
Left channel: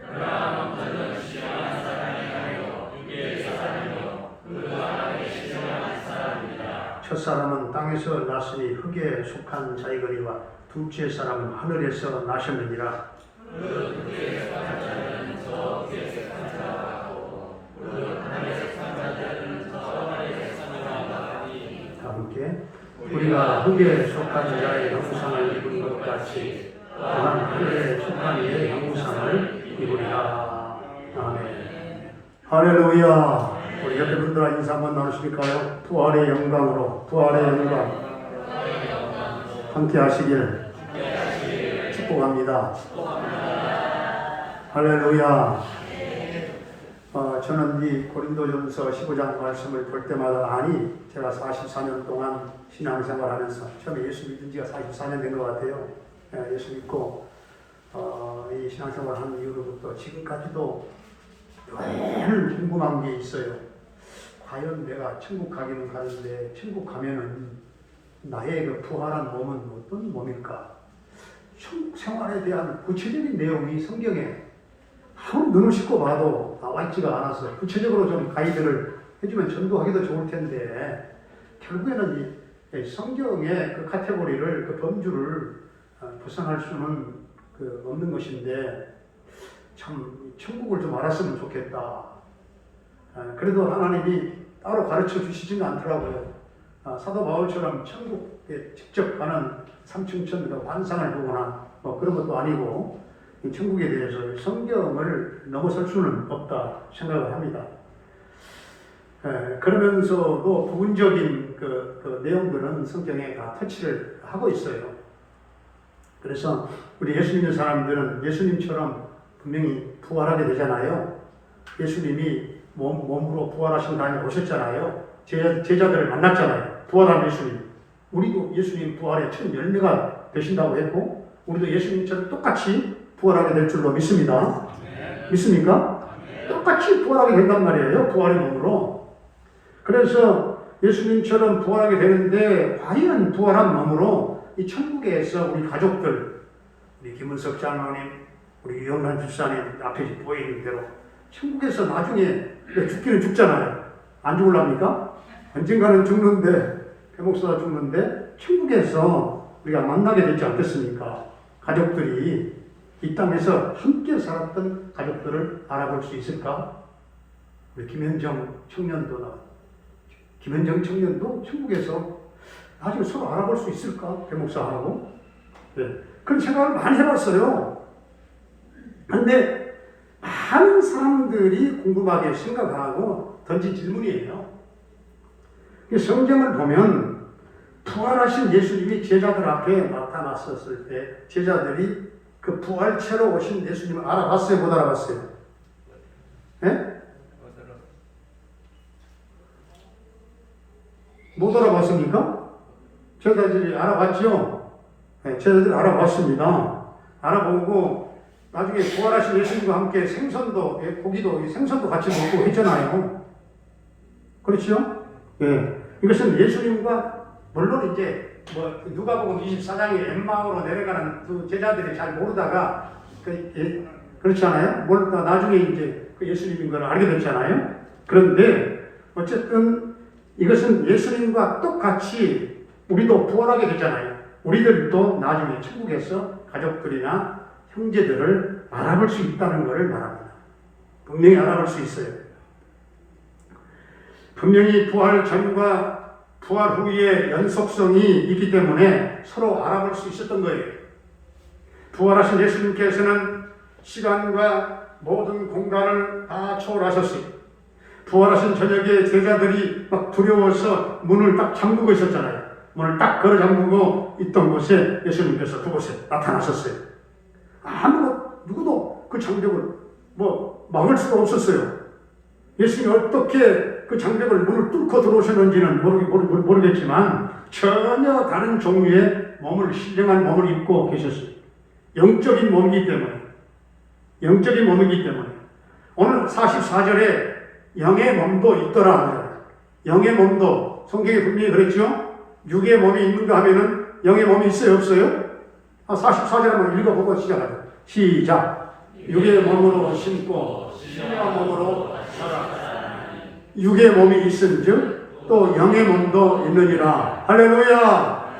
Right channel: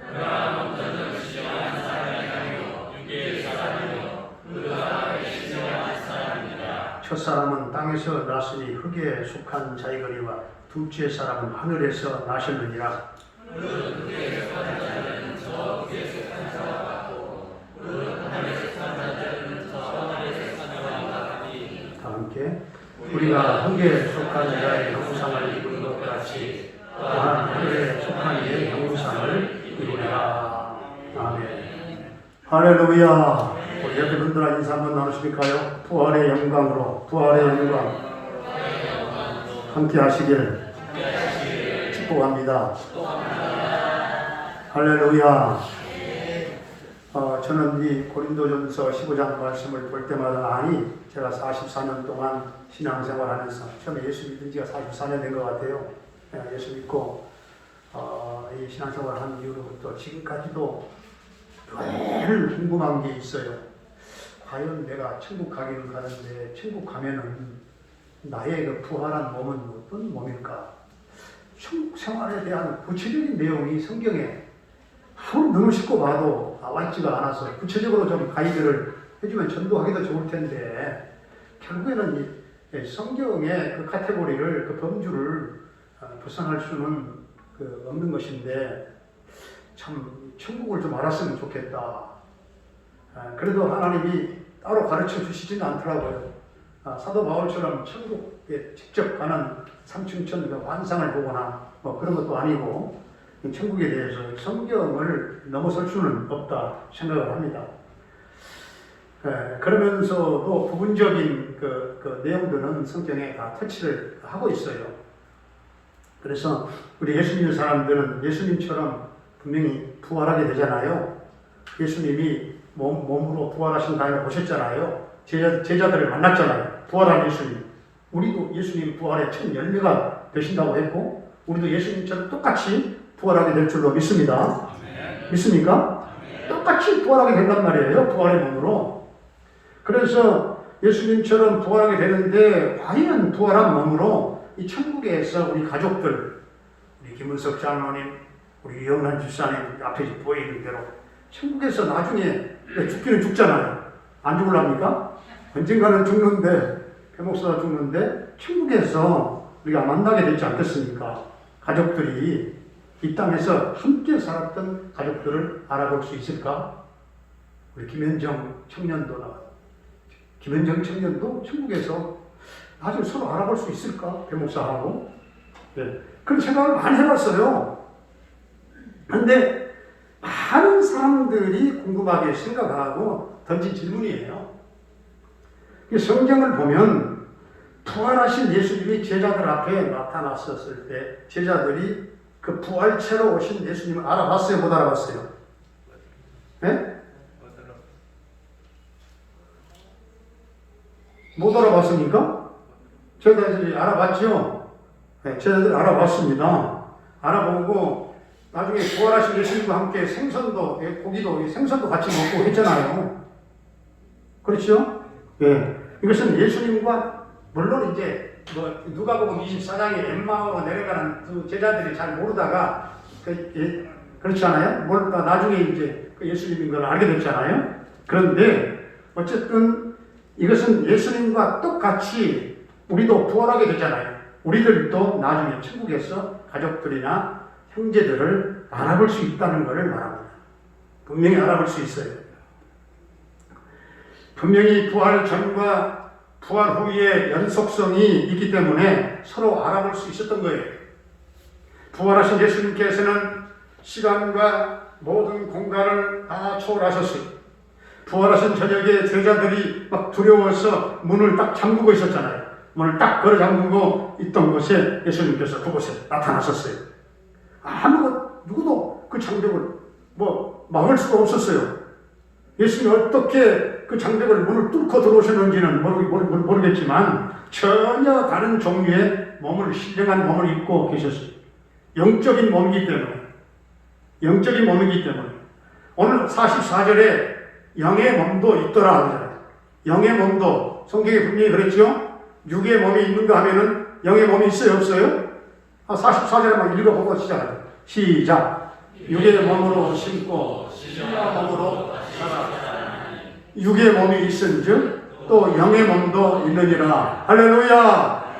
그러나 먼저는 신령한 사람이 아니요 육의 사람이요 그 다음에 신령한 사람이니라. 첫사람은 땅에서 났으니 흙에 속한 자이거니와 둘째 사람은 하늘에서 나셨느니라. 그 흙에 속한 자는 저 흙에 속한 자와 같고 그 하늘에 속한 자는 저 하늘에 속한 자와 같으니 다 함께 우리가 흙에 속한 자의 형상을 입은 것 같이 또한 흙에 속한 이의 형상을 입으리라. 아멘. 할렐루야. 옆에 분들과 인사 한번 나누실까요? 부활의 영광으로, 부활의 영광 함께 하시길 축복합니다. 할렐루야. 저는 이 고린도전서 15장 말씀을 볼 때마다 제가 44년 동안 신앙생활하면서 처음에 예수 믿은 지가 44년 된 것 같아요. 예수 믿고 이 신앙생활하는 이후로부터 지금까지도 늘 궁금한 게 있어요. 과연 내가 천국 가기는 가는데 천국 가면은 나의 그 부활한 몸은 어떤 몸일까? 천국 생활에 대한 구체적인 내용이 성경에 아무 눈을 씻고 봐도 나와 있지가 않아서 구체적으로 좀 가이드를 해주면 전도하기도 좋을 텐데 결국에는 이 성경의 그 카테고리를 그 범주를 벗어날 수는 없는 것인데 참 천국을 좀 알았으면 좋겠다. 그래도 하나님이 따로 가르쳐 주시지는 않더라고요. 사도 바울처럼 천국에 직접 가는 상층천 환상을 보거나 그런 것도 아니고 천국에 대해서 성경을 넘어설 수는 없다 생각을 합니다. 그러면서도 부분적인 그 내용들은 성경에 다 터치를 하고 있어요. 그래서 우리 예수 믿는 사람들은 예수님처럼 분명히 부활하게 되잖아요. 예수님이 몸으로 부활하신 다음에 오셨잖아요. 제자들을 만났잖아요. 부활한 예수님. 우리도 예수님 부활의 첫 열매가 되신다고 했고 우리도 예수님처럼 똑같이 부활하게 될 줄로 믿습니다. 믿습니까? 똑같이 부활하게 된단 말이에요. 부활의 몸으로. 그래서 예수님처럼 부활하게 되는데 과연 부활한 몸으로 이 천국에서 우리 가족들, 우리 김은석 장로님, 우리 이영란 집사님 앞에 보이는 대로 천국에서 나중에 죽기는 죽잖아요. 안 죽을랍니까? 언젠가는 죽는데 배목사가 죽는데 천국에서 우리가 만나게 되지 않겠습니까? 가족들이 이 땅에서 함께 살았던 가족들을 알아볼 수 있을까? 우리 김현정 청년도 천국에서 나중에 서로 알아볼 수 있을까? 배목사하고. 네. 그런 생각을 많이 해봤어요. 그런데 많은 사람들이 궁금하게 생각하고 던진 질문이에요. 성경을 보면 부활하신 예수님이 제자들 앞에 나타났었을 때 제자들이 그 부활체로 오신 예수님을 알아봤어요? 못 알아봤어요? 네? 못 알아봤습니까? 제자들이 알아봤죠? 네, 제자들이 알아봤습니다. 알아보고 나중에 부활하신 예수님과 함께 생선도, 고기도, 생선도 같이 먹고 했잖아요. 그렇죠? 예. 이것은 예수님과, 물론 이제, 누가복음 24장에 엠마오로 내려가는 두 제자들이 잘 모르다가, 그렇지 않아요? 모르다가 나중에 이제 그 예수님인 걸 알게 됐잖아요. 그런데, 어쨌든 이것은 예수님과 똑같이 우리도 부활하게 되잖아요. 우리들도 나중에 천국에서 가족들이나 형제들을 알아볼 수 있다는 것을 말합니다. 분명히 알아볼 수 있어요. 분명히 부활 전과 부활 후의 연속성이 있기 때문에 서로 알아볼 수 있었던 거예요. 부활하신 예수님께서는 시간과 모든 공간을 다 초월하셨어요. 부활하신 저녁에 제자들이 막 두려워서 문을 딱 잠그고 있었잖아요. 문을 딱 걸어 잠그고 있던 곳에 예수님께서 그곳에 나타나셨어요. 누구도 그 장벽을 막을 수가 없었어요. 예수님이 어떻게 그 장벽을 문을 뚫고 들어오셨는지는 모르겠지만 전혀 다른 종류의 신령한 몸을 입고 계셨어요. 영적인 몸이기 때문에. 오늘 44절에 영의 몸도 있더라. 영의 몸도 성경에 분명히 그랬죠. 육의 몸이 있는가 하면은 영의 몸이 있어요, 없어요? 44절 한번 읽어보고 시작. 육의 몸으로 심고 신의 몸으로 살아. 육의 몸이 있은즉 또 영의 몸도 있느니라. 할렐루야.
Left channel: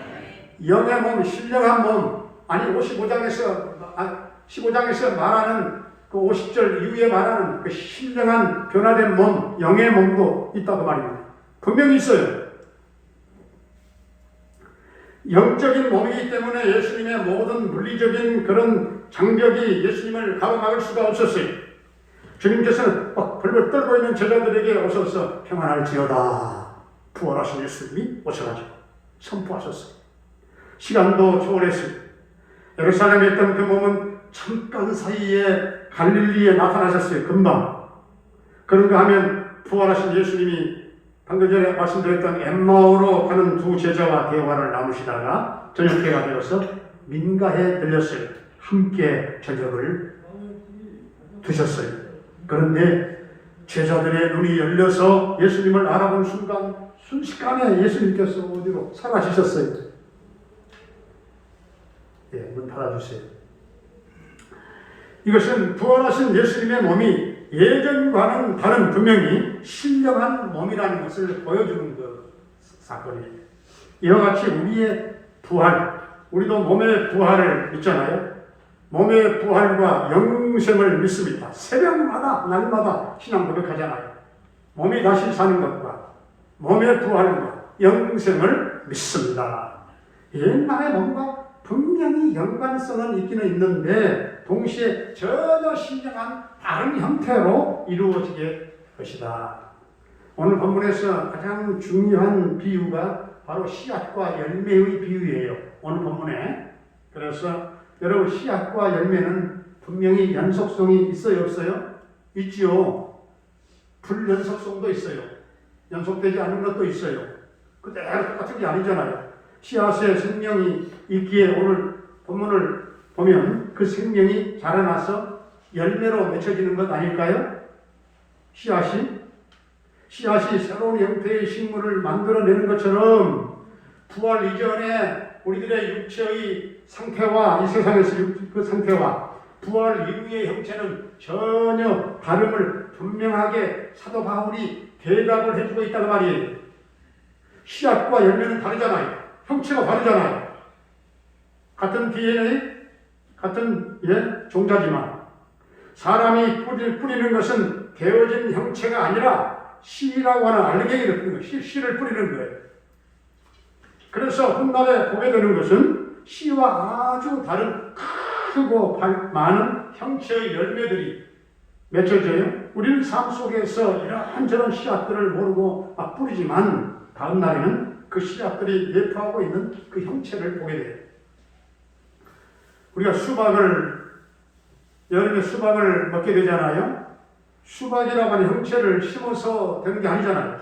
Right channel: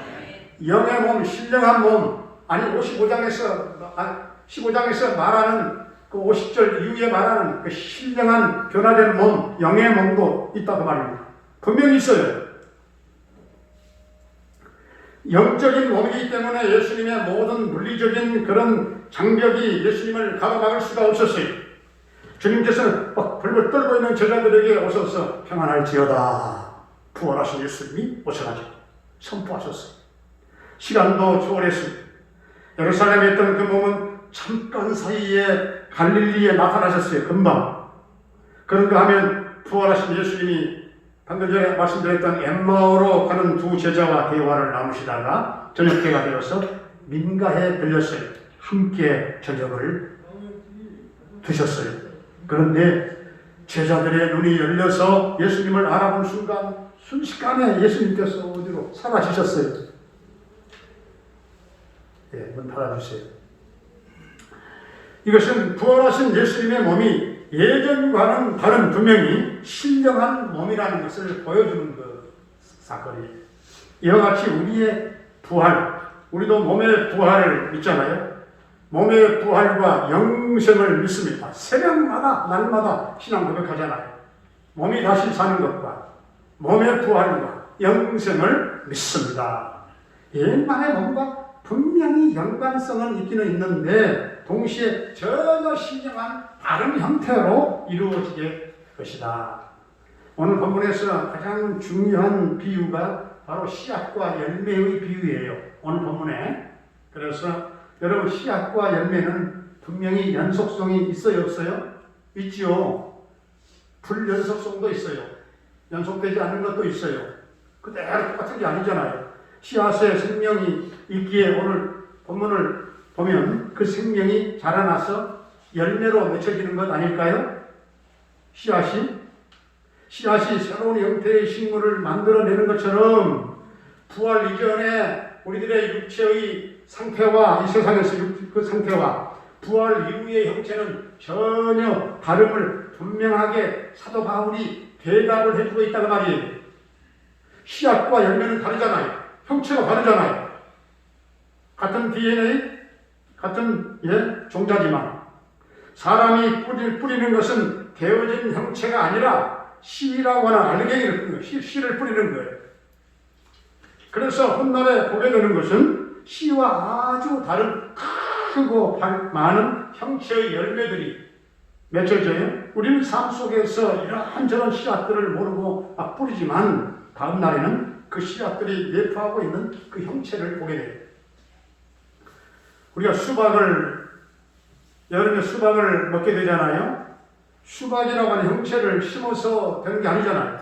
영의 몸, 신령한 몸. 아니 15장에서 말하는 그 50절 이후에 말하는 그 신령한 변화된 몸, 영의 몸도 있다고 말합니다. 분명히 있어요. 영적인 몸이기 때문에 예수님의 모든 물리적인 그런 장벽이 예수님을 가로막을 수가 없었어요. 주님께서는 막 벌벌 떨고 있는 제자들에게 오셔서 평안할지어다. 부활하신 예수님이 오셔가지고 선포하셨어요. 시간도 초월했어요. 예루살렘에 있던 그 몸은 잠깐 사이에 갈릴리에 나타나셨어요. 금방. 그런가 하면 부활하신 예수님이 방금 전에 말씀드렸던 엠마오로 가는 두 제자와 대화를 나누시다가 저녁 때가 되어서 민가에 들렸어요. 함께 저녁을 드셨어요. 그런데 제자들의 눈이 열려서 예수님을 알아본 순간 순식간에 예수님께서 어디로 사라지셨어요. 예, 문 닫아주세요. 이것은 부활하신 예수님의 몸이 예전과는 다른 분명히 신령한 몸이라는 것을 보여주는 그 사건이에요. 이와 같이 우리의 부활, 우리도 몸의 부활을 믿잖아요. 몸의 부활과 영생을 믿습니다. 새벽마다 날마다 신앙 고백하잖아요. 몸이 다시 사는 것과 몸의 부활과 영생을 믿습니다. 옛날의 몸과 분명히 연관성은 있기는 있는데 동시에 전혀 신령한 다른 형태로 이루어지게 것이다. 오늘 본문에서 가장 중요한 비유가 바로 씨앗과 열매의 비유예요. 오늘 본문에. 그래서 여러분 씨앗과 열매는 분명히 연속성이 있어요, 없어요? 있지요. 불연속성도 있어요. 연속되지 않는 것도 있어요. 그대로 똑같은 게 아니잖아요. 씨앗의 생명이 있기에 오늘 본문을 보면 그 생명이 자라나서 열매로 맺혀지는 것 아닐까요? 씨앗이 새로운 형태의 식물을 만들어내는 것처럼 부활 이전에 우리들의 육체의 상태와 이 세상에서 그 상태와 부활 이후의 형체는 전혀 다름을 분명하게 사도 바울이 대답을 해주고 있다는 말이에요. 씨앗과 열매는 다르잖아요. 형체가 다르잖아요. 같은 DNA, 같은 종자지만 사람이 뿌리는 것은 되어진 형체가 아니라 씨라고 하는 알갱이를 뿌리는 거예요. 씨를 뿌리는 거예요. 그래서 훗날에 보게 되는 것은 씨와 아주 다른 크고 많은 형체의 열매들이 맺혀져요. 우리는 삶 속에서 이런저런 씨앗들을 모르고 막 뿌리지만 다음 날에는 그 씨앗들이 내포하고 있는 그 형체를 보게 돼요. 우리가 여름에 수박을 먹게 되잖아요. 수박이라고 하는 형체를 심어서 되는 게 아니잖아요.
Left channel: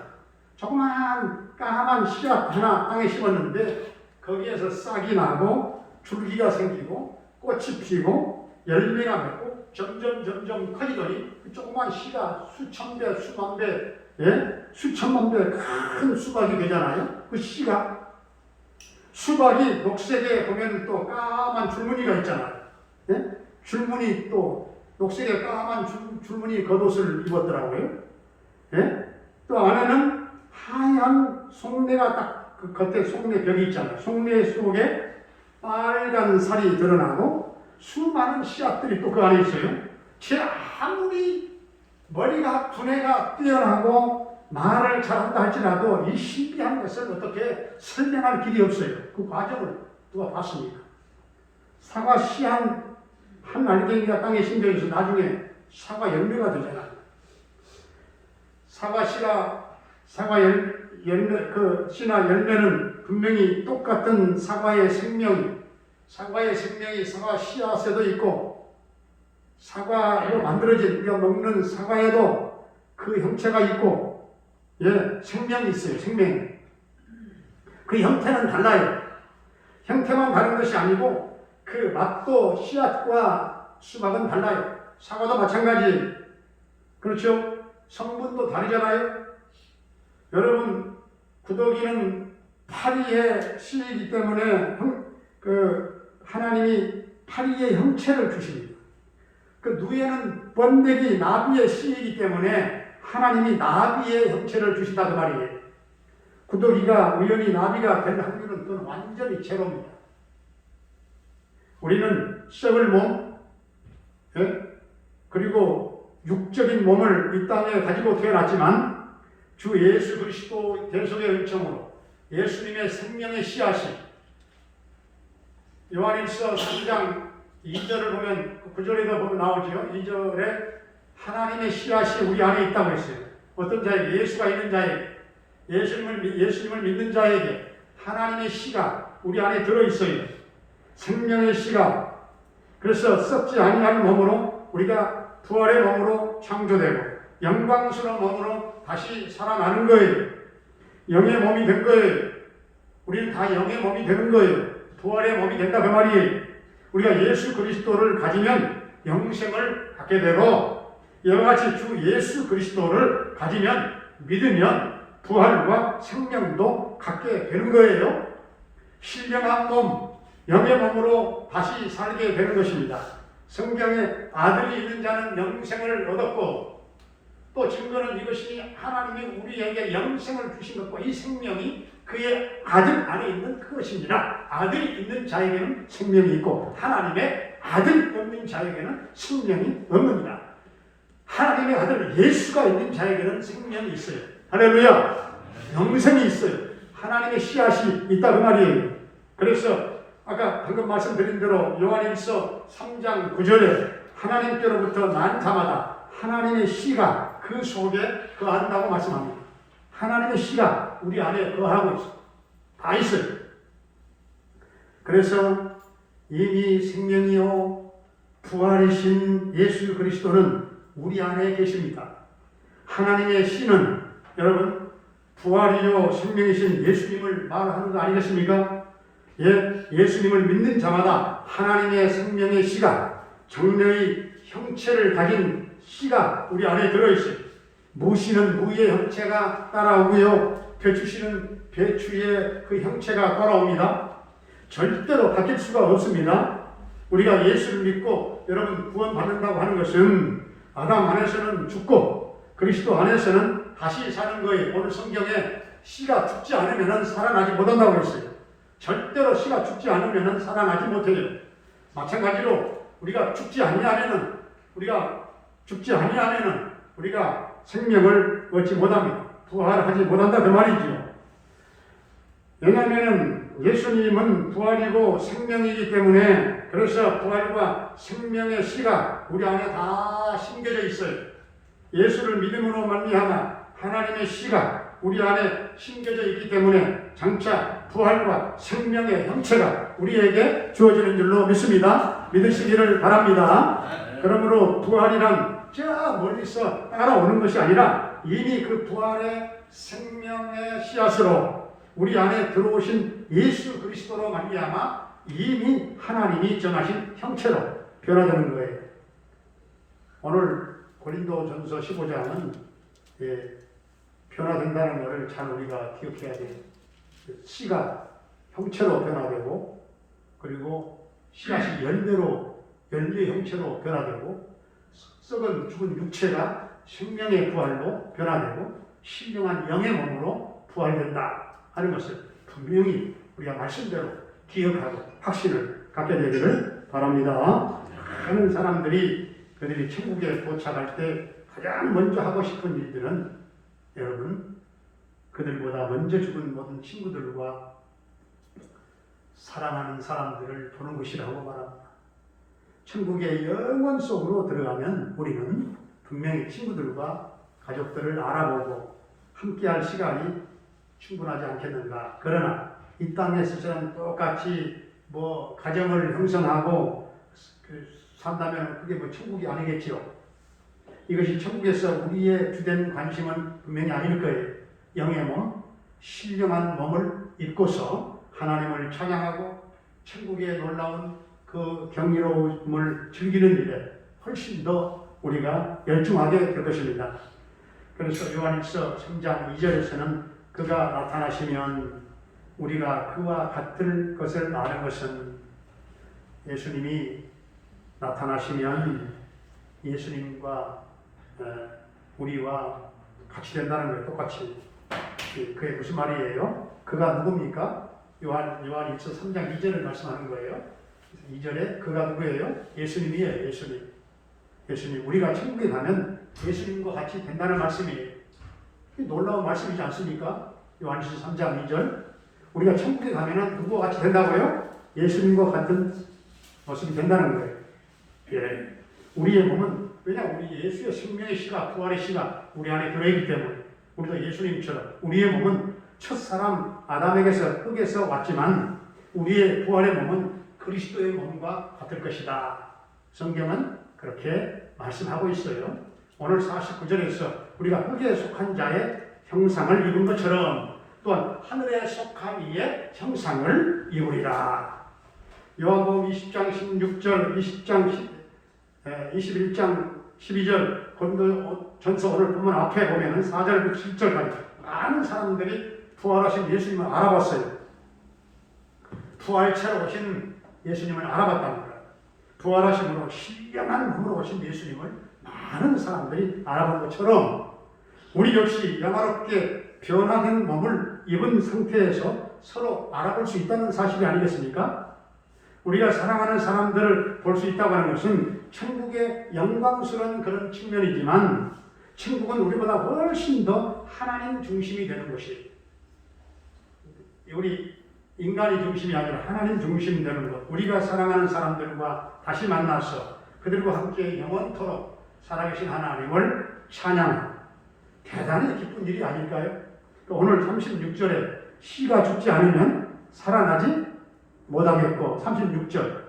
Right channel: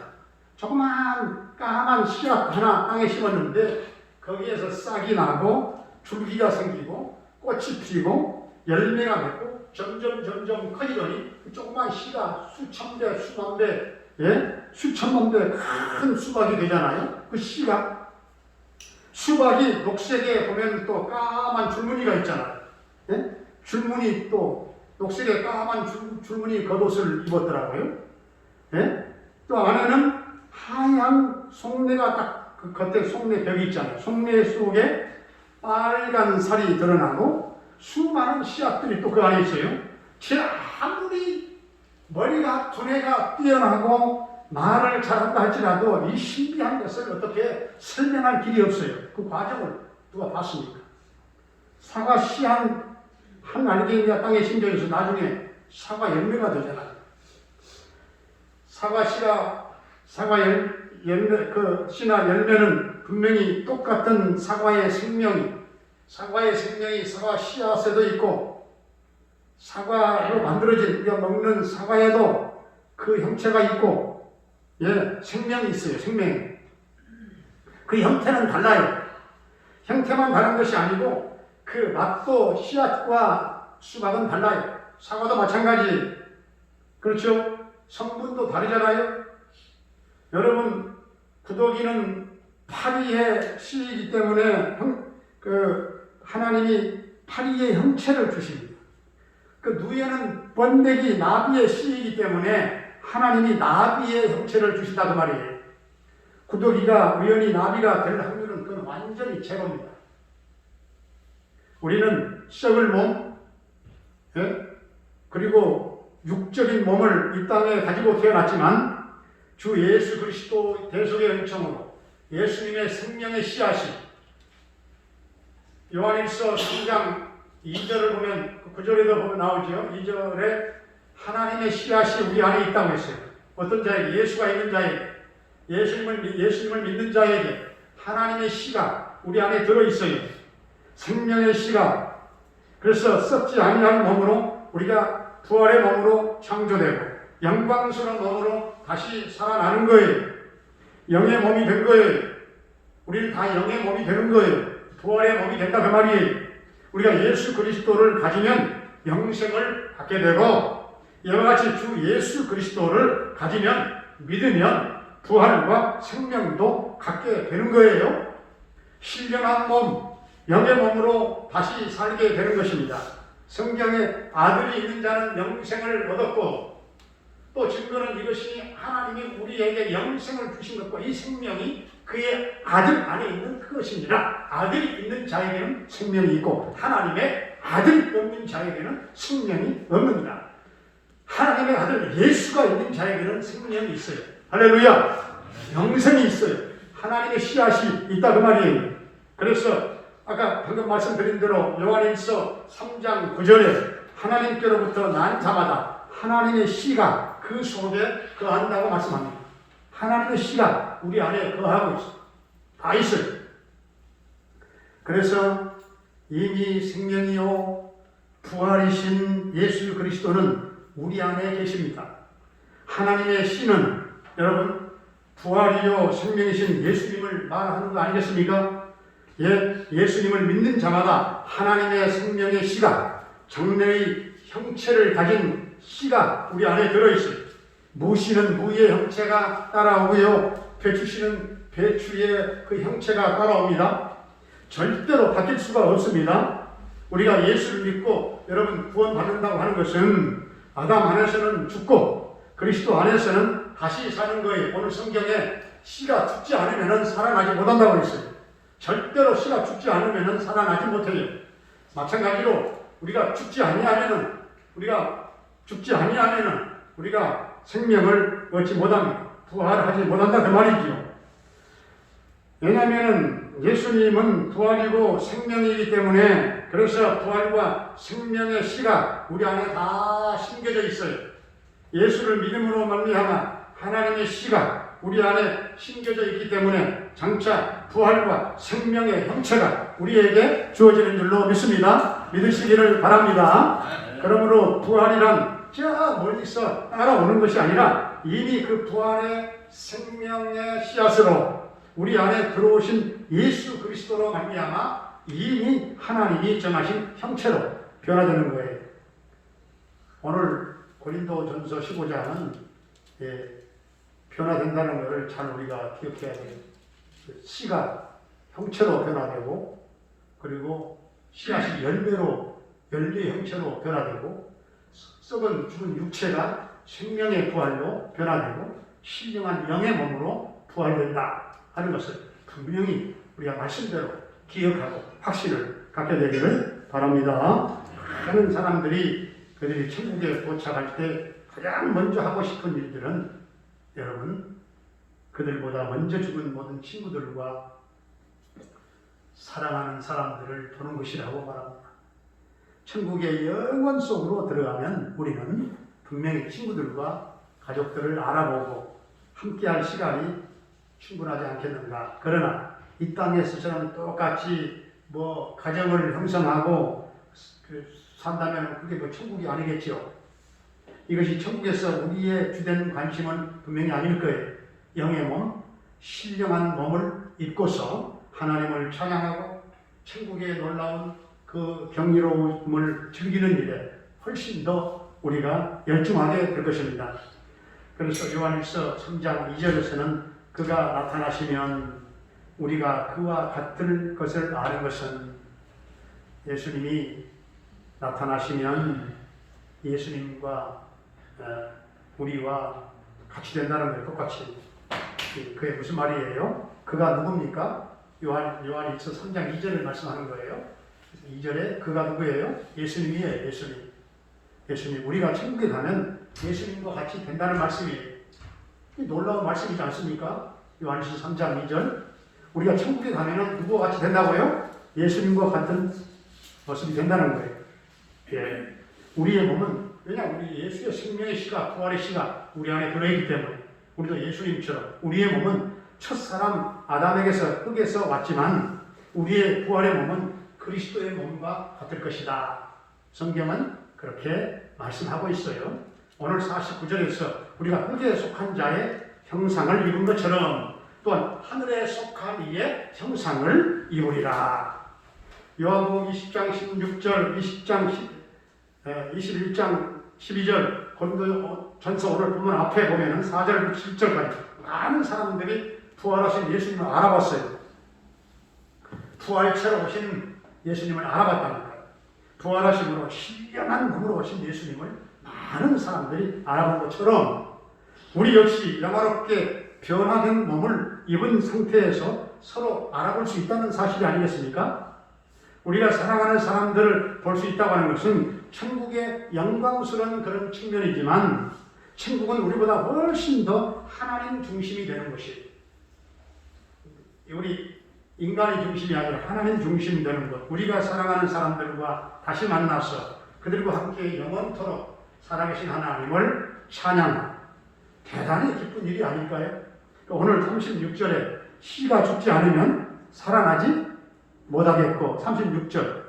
조그만 까만 씨앗 하나 땅에 심었는데 거기에서 싹이 나고 줄기가 생기고 꽃이 피고 열매가 맺고 점점 커지더니 그 조그만 씨가 수천 배, 수만 배, 수천만 배 큰 수박이 되잖아요. 그 씨가 수박이 녹색에 보면 또 까만 줄무늬가 있잖아요. 줄무늬 또 녹색에 까만 줄무늬 겉옷을 입었더라고요. 또 안에는 하얀 속내가 딱 그 겉에 속내 벽이 있잖아요. 속내 속에 빨간 살이 드러나고 수많은 씨앗들이 또 그 안에 있어요. 아무리 머리가 두뇌가 뛰어나고 말을 잘한다 할지라도 이 신비한 것을 어떻게 설명할 길이 없어요. 그 과정을 누가 봤습니까? 사과 씨 한 알갱이가 땅에 심겨져서 나중에 사과 열매가 되잖아요. 그 씨나 열매는 분명히 똑같은 사과의 생명이 사과 씨앗에도 있고 사과로 만들어진 우리가 먹는 사과에도 그 형체가 있고 생명이 있어요. 생명. 그 형태는 달라요. 형태만 다른 것이 아니고 그 맛도 씨앗과 수박은 달라요. 사과도 마찬가지. 그렇죠? 성분도 다르잖아요. 여러분 구더기는 파리의 씨이기 때문에 하나님이 파리의 형체를 주십니다. 그 누에는 번데기 나비의 씨이기 때문에 하나님이 나비의 형체를 주신다는 말이에요. 구더기가 우연히 나비가 될 확률은 그건 완전히 제로입니다. 우리는 썩을 몸, 그리고 육적인 몸을 이 땅에 가지고 태어났지만 주 예수 그리스도 대속의 은총으로 예수님의 생명의 씨앗이 요한일서 3장 2절을 보면 9절에도 보면 나오죠. 2절에 하나님의 씨앗이 우리 안에 있다고 했어요. 어떤 자에게? 예수가 있는 자에게, 예수님을 믿는 자에게 하나님의 씨가 우리 안에 들어있어요. 생명의 씨가. 그래서 썩지 아니하는 몸으로 우리가 부활의 몸으로 창조되고 영광스러운 몸으로 다시 살아나는 거예요. 영의 몸이 된 거예요. 우리는 다 영의 몸이 되는 거예요. 부활의 몸이 된다 그 말이에요. 우리가 예수 그리스도를 가지면 영생을 갖게 되고, 이와 같이 주 예수 그리스도를 가지면, 믿으면 부활과 생명도 갖게 되는 거예요. 신령한 몸, 영의 몸으로 다시 살게 되는 것입니다. 성경에 아들이 있는 자는 영생을 얻었고, 또 증거는 이것이 하나님이 우리에게 영생을 주신 것과 이 생명이 그의 아들 안에 있는 그것입니다. 아들이 있는 자에게는 생명이 있고 하나님의 아들이 없는 자에게는 생명이 없습니다. 하나님의 아들 예수가 있는 자에게는 생명이 있어요. 할렐루야! 영생이 있어요. 하나님의 씨앗이 있다 그 말이에요. 그래서 아까 방금 말씀드린 대로 요한일서 3장 9절에 하나님께로부터 난 자마다 하나님의 씨가 그 속에 거한다고 말씀합니다. 하나님의 씨가 우리 안에 거하고 있어요. 다 있어요. 그래서 이미 생명이요 부활이신 예수 그리스도는 우리 안에 계십니다. 하나님의 씨는 여러분 부활이요 생명이신 예수님을 말하는 거 아니겠습니까? 예수님을 믿는 자마다 하나님의 생명의 씨가, 장래의 형체를 가진 씨가 우리 안에 들어있어요. 무씨는 무의 형체가 따라오고요, 배추씨는 배추의 그 형체가 따라옵니다. 절대로 바뀔 수가 없습니다. 우리가 예수를 믿고 여러분 구원받는다고 하는 것은 아담 안에서는 죽고 그리스도 안에서는 다시 사는 거예요. 오늘 성경에 씨가 죽지 않으면 살아나지 못한다고 했어요. 절대로 씨가 죽지 않으면 살아나지 못해요. 마찬가지로 우리가 죽지 아니하면은 우리가 생명을 얻지 못합니다. 부활하지 못한다 그 말이죠. 왜냐하면 예수님은 부활이고 생명이기 때문에, 그래서 부활과 생명의 씨가 우리 안에 다 심겨져 있어요. 예수를 믿음으로 말미암아 하나님의 씨가 우리 안에 심겨져 있기 때문에 장차 부활과 생명의 형체가 우리에게 주어지는 줄로 믿습니다. 믿으시기를 바랍니다. 그러므로 부활이란 저 멀리서 따라오는 것이 아니라 이미 그 부활의 생명의 씨앗으로 우리 안에 들어오신 예수 그리스도로 말미암아 이미 하나님이 정하신 형체로 변화되는 거예요. 오늘 고린도전서 15장은 변화된다는 것을 잘 우리가 기억해야 돼요. 씨가 형체로 변화되고, 그리고 씨앗이 열매의 형체로 변화되고, 썩은 죽은 육체가 생명의 부활로 변화되고 신령한 영의 몸으로 부활된다 하는 것을 분명히 우리가 말씀대로 기억하고 확신을 갖게 되기를 바랍니다. 많은 사람들이 그들이 천국에 도착할 때 가장 먼저 하고 싶은 일들은 여러분 그들보다 먼저 죽은 모든 친구들과 사랑하는 사람들을 보는 것이라고 말합니다. 천국의 영원 속으로 들어가면 우리는 분명히 친구들과 가족들을 알아보고 함께할 시간이 충분하지 않겠는가. 그러나 이 땅에서처럼 똑같이 가정을 형성하고 산다면 그게 천국이 아니겠죠. 이것이 천국에서 우리의 주된 관심은 분명히 아닐 거예요. 영의 몸, 신령한 몸을 입고서 하나님을 찬양하고 천국의 놀라운 그 경이로움을 즐기는 일에 훨씬 더 우리가 열중하게 될 것입니다. 그래서 요한일서 3장 2절에서는 그가 나타나시면 우리가 그와 같을 것을 아는 것은, 예수님이 나타나시면 예수님과 우리와 같이 된다는 거예요. 똑같이. 그게 무슨 말이에요? 그가 누굽니까? 요한일서 3장 2절을 말씀하는 거예요. 2절에 그가 누구예요? 예수님이에요. 예수님. 우리가 천국에 가면 예수님과 같이 된다는 말씀이에요. 놀라운 말씀이지 않습니까? 요한일서 3장 2절. 우리가 천국에 가면 누구와 같이 된다고요? 예수님과 같은 모습이 된다는 거예요. 예. 우리의 몸은 왜냐 우리 예수의 생명의 씨가 부활의 씨가 우리 안에 들어있기 때문에 우리도 예수님처럼 우리의 몸은 첫사람 아담에게서 흙에서 왔지만 우리의 부활의 몸은 그리스도의 몸과 같을 것이다. 성경은 그렇게 말씀하고 있어요. 오늘 49절에서 우리가 흙에 속한 자의 형상을 입은 것처럼 또한 하늘에 속한 이의 형상을 입으리라. 요한복음 20장 16절, 21장 12절, 고린도전서 오늘 보면 앞에 보면은 4절부터 7절까지 많은 사람들이 부활하신 예수님을 알아봤어요. 부활체로 오신 예수님을 알아봤답니다. 부활하심으로 신령한 몸으로 오신 예수님을 많은 사람들이 알아본 것처럼 우리 역시 영화롭게 변화된 몸을 입은 상태에서 서로 알아볼 수 있다는 사실이 아니겠습니까? 우리가 사랑하는 사람들을 볼 수 있다고 하는 것은 천국의 영광스러운 그런 측면이지만 천국은 우리보다 훨씬 더 하나님 중심이 되는 것이에요. 우리 인간이 중심이 아니라 하나님 중심이 되는 것. 우리가 사랑하는 사람들과 다시 만나서 그들과 함께 영원토록 살아계신 하나님을 찬양하는 대단히 기쁜 일이 아닐까요? 오늘 36절에 씨가 죽지 않으면 살아나지 못하겠고 36절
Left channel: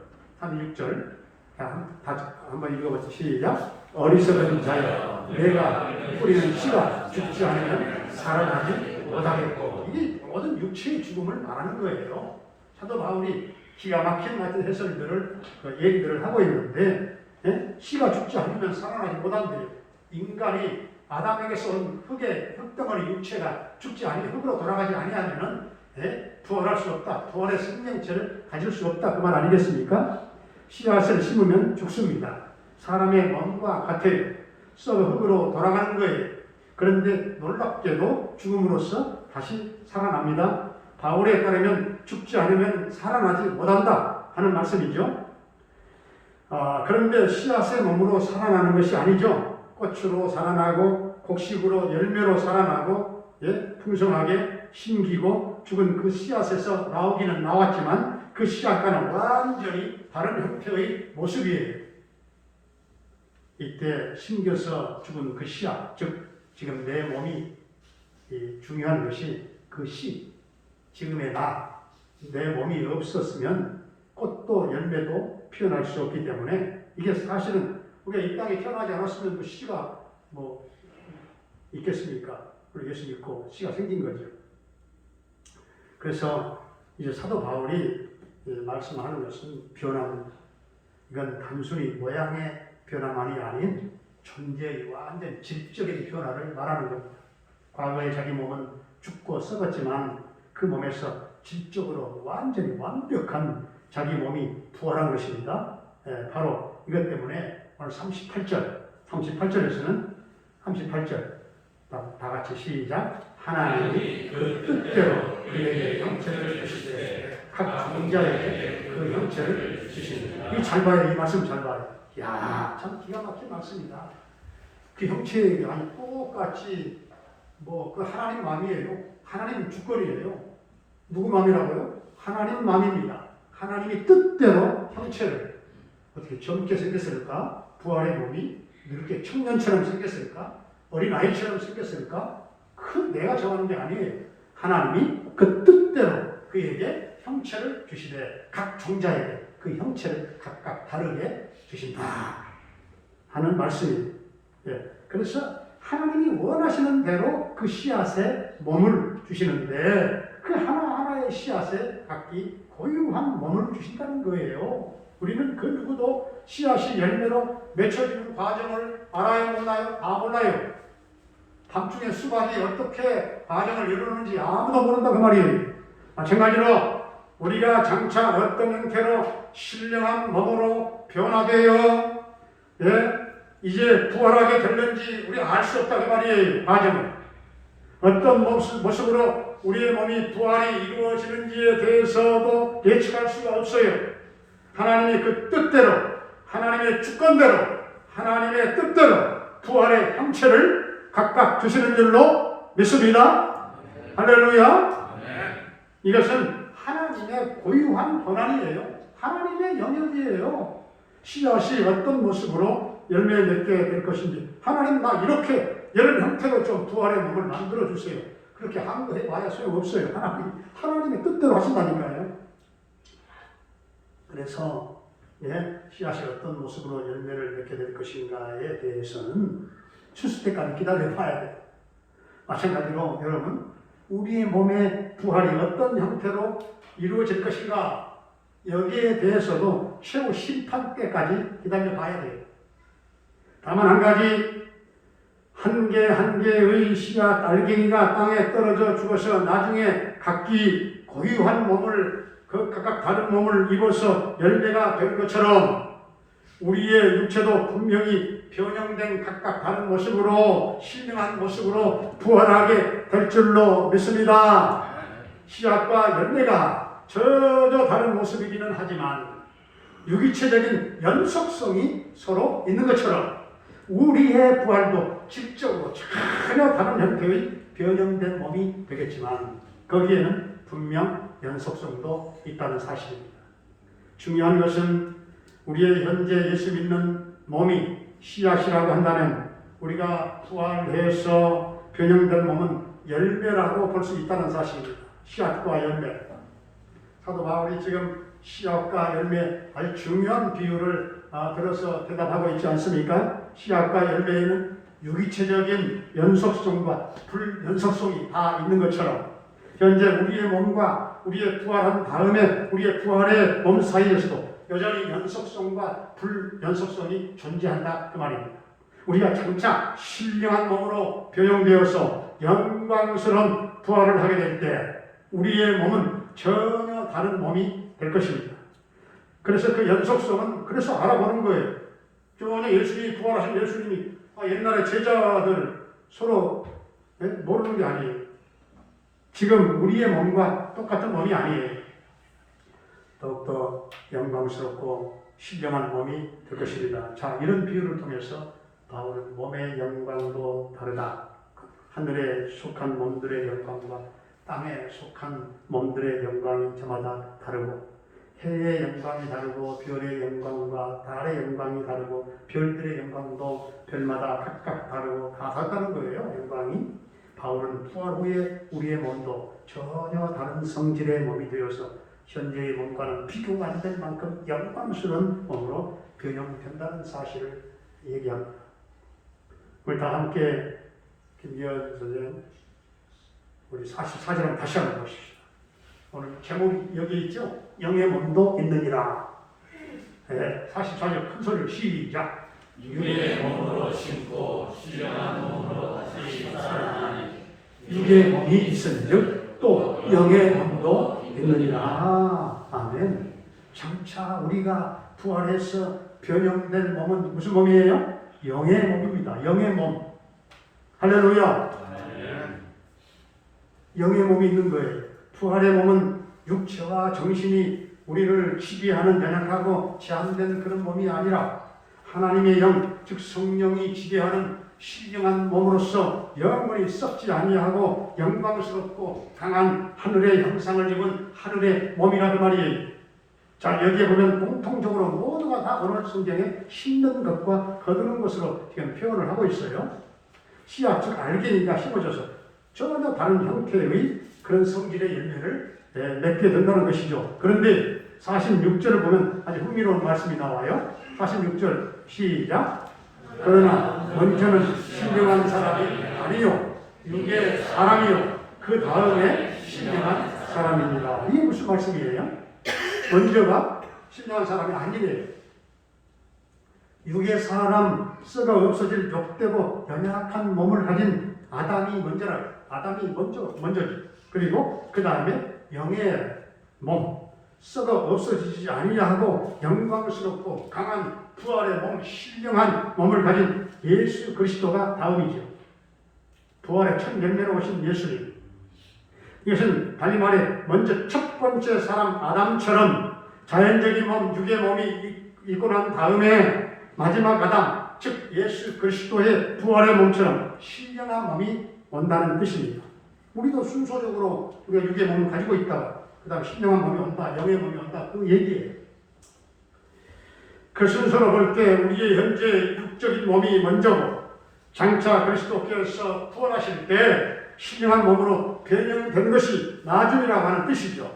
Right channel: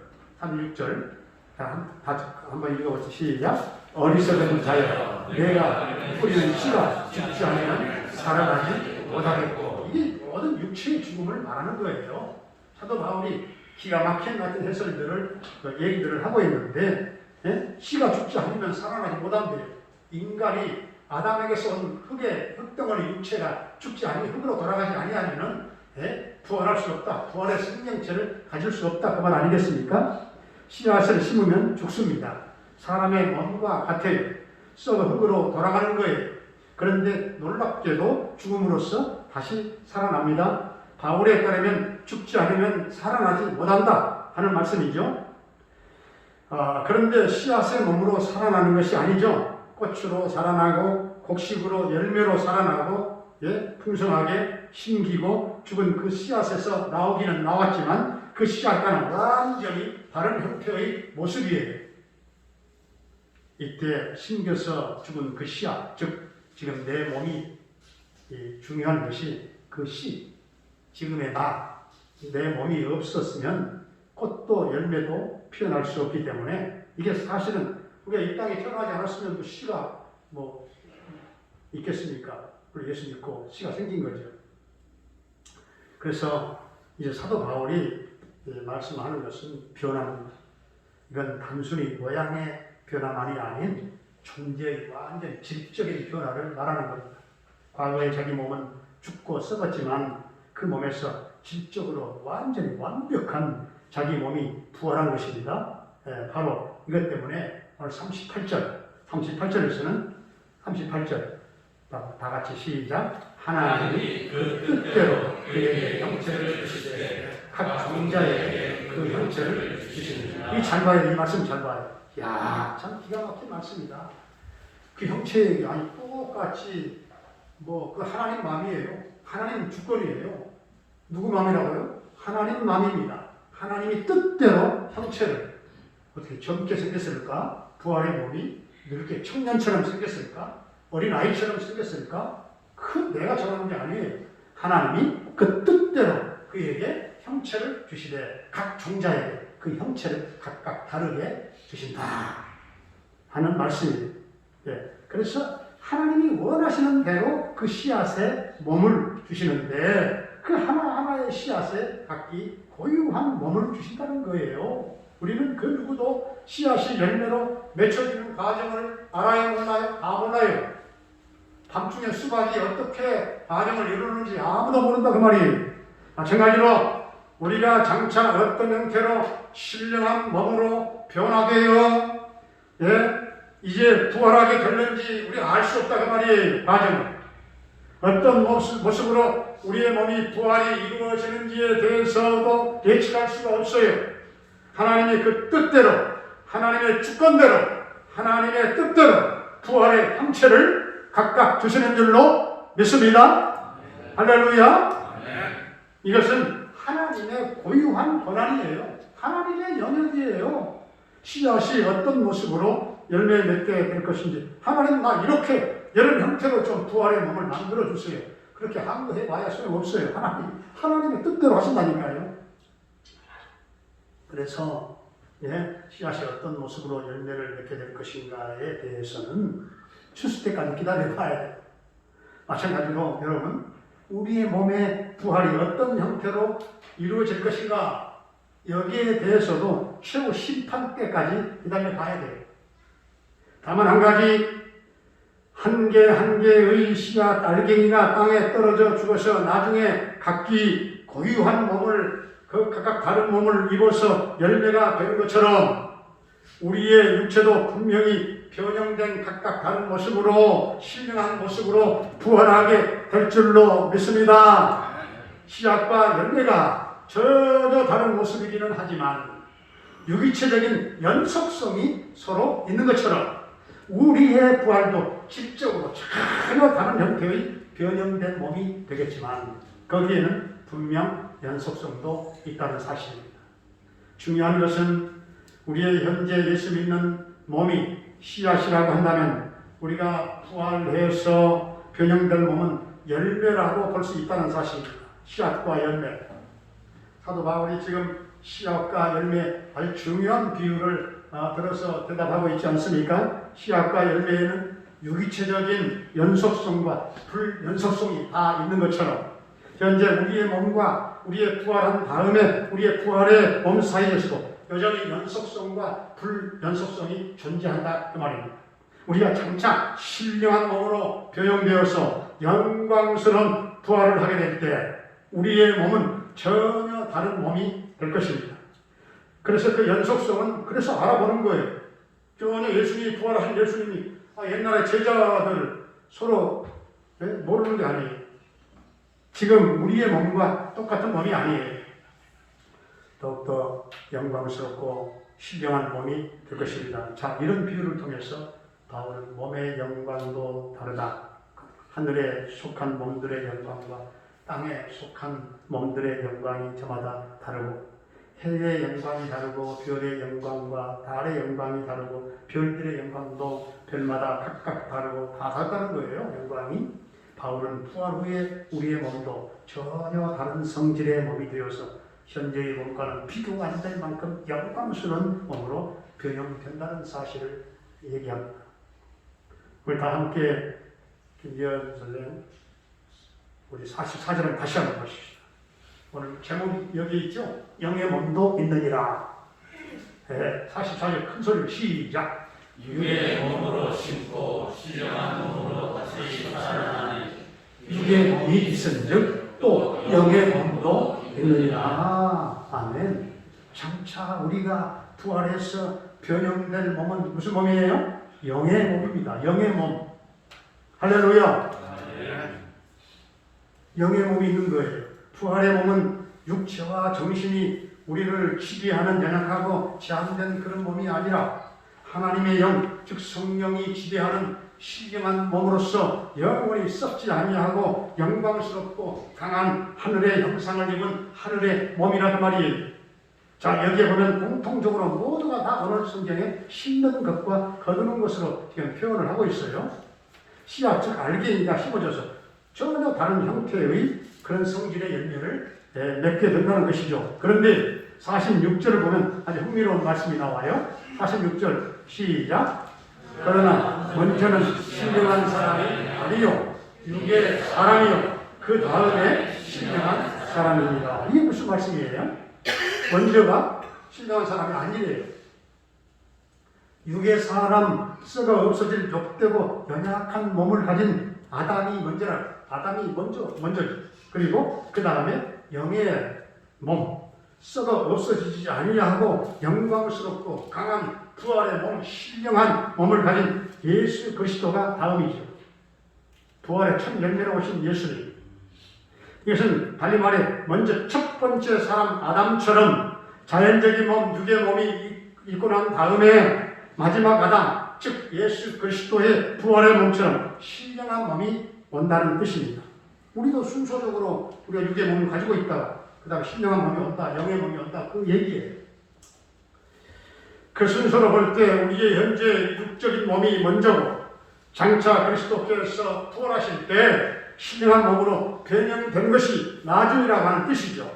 한번 읽어보세요. 시작. 어리석은 자여 내가 뿌리는 씨가 죽지 않으면 살아나지 못하겠고 이게 모든 육체의 죽음을 말하는 거예요. 사도 바울이 기가 막힌 같은 해설들을 얘기들을 하고 있는데 씨가 죽지 않으면 살아나지 못한대요. 인간이 아담에게서 온 흙덩어리 육체가 죽지 아니 흙으로 돌아가지 아니하면은 부활할 수 없다. 부활의 생명체를 가질 수 없다. 그 말 아니겠습니까? 씨앗을 심으면 죽습니다. 사람의 몸과 같아요. 썩어 흙으로 돌아가는 거예요. 그런데 놀랍게도 죽음으로써 다시 살아납니다. 바울에 따르면 죽지 않으면 살아나지 못한다 하는 말씀이죠. 그런데 씨앗의 몸으로 살아나는 것이 아니죠. 꽃으로 살아나고 곡식으로 열매로 살아나고 풍성하게 심기고 죽은 그 씨앗에서 나오기는 나왔지만 그 씨앗과는 완전히 다른 형태의 모습이에요. 이때 심겨서 죽은 그 씨앗, 즉 지금 내 몸이 중요한 것이 그 씨, 지금의 내 몸이 없었으면 꽃도 열매도 피어날 수 없기 때문에 이게 사실은 우리가 이 땅에 태어나지 않았으면 그 씨가 뭐 있겠습니까? 우리 예수 믿고 씨가 생긴 거죠. 그래서 이제 사도 바울이 말씀하는 것은 변화입니다. 이건 단순히 모양의 변화만이 아닌 존재의 완전 질적인 변화를 말하는 겁니다. 과거에 자기 몸은 죽고 썩었지만 그 몸에서 질적으로 완전히 완벽한 자기 몸이 부활한 것입니다. 바로 이것 때문에 오늘 38절에서는 38절 다 같이 시작. 하나님이 그 뜻대로 그에게 형체를 주시되 각 종자에게 그 형체를 주시니라. 이 잘 봐야 돼. 이 말씀 잘 봐요. 야, 참 기가 막힌 말씀이다. 그 형체에 아니 똑같이 그 하나님 마음이에요. 하나님 주권이에요. 누구 마음이라고요? 하나님 마음입니다. 하나님이 뜻대로 형체를 어떻게 젊게 생겼을까? 부활의 몸이 늙게 청년처럼 생겼을까? 어린아이처럼 생겼을까? 내가 정하는 게 아니에요. 하나님이 그 뜻대로 그에게 형체를 주시되 각 종자에게 그 형체를 각각 다르게 주신다 하는 말씀이에요. 그래서 하나님이 원하시는 대로 그 씨앗에 몸을 주시는데 그 하나하나의 씨앗에 각기 고유한 몸을 주신다는 거예요. 우리는 그 누구도 씨앗이 열매로 맺혀지는 과정을 알아야 몰라요? 다 몰라요. 밤중에 수박이 어떻게 과정을 이루는지 아무도 모른다 그 말이에요. 마찬가지로 우리가 장차 어떤 형태로 신령한 몸으로 변화되어 이제 부활하게 될는지 우리가 알 수 없다 그 말이에요. 과정을 어떤 모습으로 우리의 몸이 부활이 이루어지는지에 대해서도 예측할 수가 없어요. 하나님의 그 뜻대로 하나님의 주권대로 하나님의 뜻대로 부활의 형체를 각각 주시는 줄로 믿습니다. 할렐루야. 이것은 하나님이 하나님의 고유한 권한이에요. 하나님의 영역이에요. 씨앗이 어떤 모습으로 열매 맺게 될 것인지 하나님 나 이렇게 이런 형태로 좀 부활의 몸을 만들어 주세요. 그렇게 한거해 봐야 소용없어요. 하나님의 뜻대로 하신다니까요. 그래서 씨앗이 어떤 모습으로 열매를 맺게 될 것인가에 대해서는 추수 때까지 기다려 봐야 돼요. 마찬가지로 여러분 우리의 몸의 부활이 어떤 형태로 이루어질 것인가 여기에 대해서도 최후 심판 때까지 기다려 봐야 돼요. 다만 한 가지 한 개 한 개의 씨앗 알갱이가 땅에 떨어져 죽어서 나중에 각기 고유한 몸을 각각 다른 몸을 입어서 열매가 되는 것처럼 우리의 육체도 분명히 변형된 각각 다른 모습으로 신령한 모습으로 부활하게 될 줄로 믿습니다. 씨앗과 열매가 전혀 다른 모습이기는 하지만 유기체적인 연속성이 서로 있는 것처럼 우리의 부활도 질적으로 전혀 다른 형태의 변형된 몸이 되겠지만 거기에는 분명 연속성도 있다는 사실입니다. 중요한 것은 우리의 현재 예수 믿는 몸이 씨앗이라고 한다면 우리가 부활해서 변형된 몸은 열매라고 볼 수 있다는 사실입니다. 씨앗과 열매. 사도 바울이 지금 씨앗과 열매 아주 중요한 비유를 들어서 대답하고 있지 않습니까? 씨앗과 열매에는 유기체적인 연속성과 불연속성이 다 있는 것처럼 현재 우리의 몸과 우리의 부활한 다음에 우리의 부활의 몸 사이에서도 여전히 연속성과 불연속성이 존재한다 그 말입니다. 우리가 장차 신령한 몸으로 변형되어서 영광스러운 부활을 하게 될 때 우리의 몸은 전혀 다른 몸이 될 것입니다. 그래서 그 연속성은 그래서 알아보는 거예요. 전혀 예수님이 부활하신 예수님이 옛날에 제자들 서로 모르는 게 아니에요. 지금 우리의 몸과 똑같은 몸이 아니에요. 더욱더 영광스럽고 신령한 몸이 될 것입니다. 자, 이런 비유를 통해서 바울은 몸의 영광도 다르다. 하늘에 속한 몸들의 영광과 땅에 속한 몸들의 영광이 저마다 다르고 해의 영광이 다르고 별의 영광과 달의 영광이 다르고 별들의 영광도 별마다 각각 다르고 다 다르다는 거예요. 영광이. 바울은 부활 후에 우리의 몸도 전혀 다른 성질의 몸이 되어서 현재의 몸과는 비교가 안 될 만큼 영광스러운 몸으로 변형된다는 사실을 얘기합니다. 우리 다 함께 김기현 선생님 우리 44절 다시 한번 보십시오. 오늘 제목이 여기 있죠? 영의 몸도 있느니라. 44절 큰 소리로 시작. 육의 몸으로 심고 신령한 몸으로 다시 살아나니 육의 몸이 있은즉 또 영의 몸도 있느니라. 아멘. 장차 우리가 부활해서 변형된 몸은 무슨 몸이에요? 영의 몸입니다. 영의 몸. 할렐루야. 영의 몸이 있는 거예요. 부활의 몸은 육체와 정신이 우리를 지배하는 연약하고 제한된 그런 몸이 아니라 하나님의 영, 즉 성령이 지배하는 신령한 몸으로서 영원히 썩지 아니하고 영광스럽고 강한 하늘의 형상을 입은 하늘의 몸이라고 말이에요. 자, 여기에 보면 공통적으로 모두가 다 오늘 성경에 심는 것과 거두는 것으로 지금 표현을 하고 있어요. 씨앗, 즉 알갱이가 심어져서 전혀 다른 형태의 그런 성질의 열매를 맺게 된다는 것이죠. 그런데 46절을 보면 아주 흥미로운 말씀이 나와요. 46절 시작. 그러나 먼저는 신령한 사람이 아니요 육의 사람이요 그 다음에 신령한 사람입니다. 이게 무슨 말씀이에요? 먼저가 신령한 사람이 아니래요. 육의 사람, 썩어 없어질 벽되고 연약한 몸을 가진 아담이 먼저지. 그리고 그 다음에 영의 몸, 썩어 없어지지 아니하고 영광스럽고 강한 부활의 몸, 신령한 몸을 가진 예수 그리스도가 다음이죠. 부활의 첫 열매로 오신 예수님. 이것은 달리 말해 먼저 첫 번째 사람 아담처럼 자연적인 몸, 육의 몸이 있고 난 다음에 마지막 아담, 즉 예수 그리스도의 부활의 몸처럼 신령한 몸이 온다는 뜻입니다. 우리도 순서적으로 우리가 육의 몸을 가지고 있다가 그 다음에 신령한 몸이 온다, 영의 몸이 온다, 그 얘기예요. 그 순서로 볼 때 우리의 현재 육적인 몸이 먼저고 장차 그리스도께서 부활하실 때 신령한 몸으로 변형되는 것이 나중이라고 하는 뜻이죠.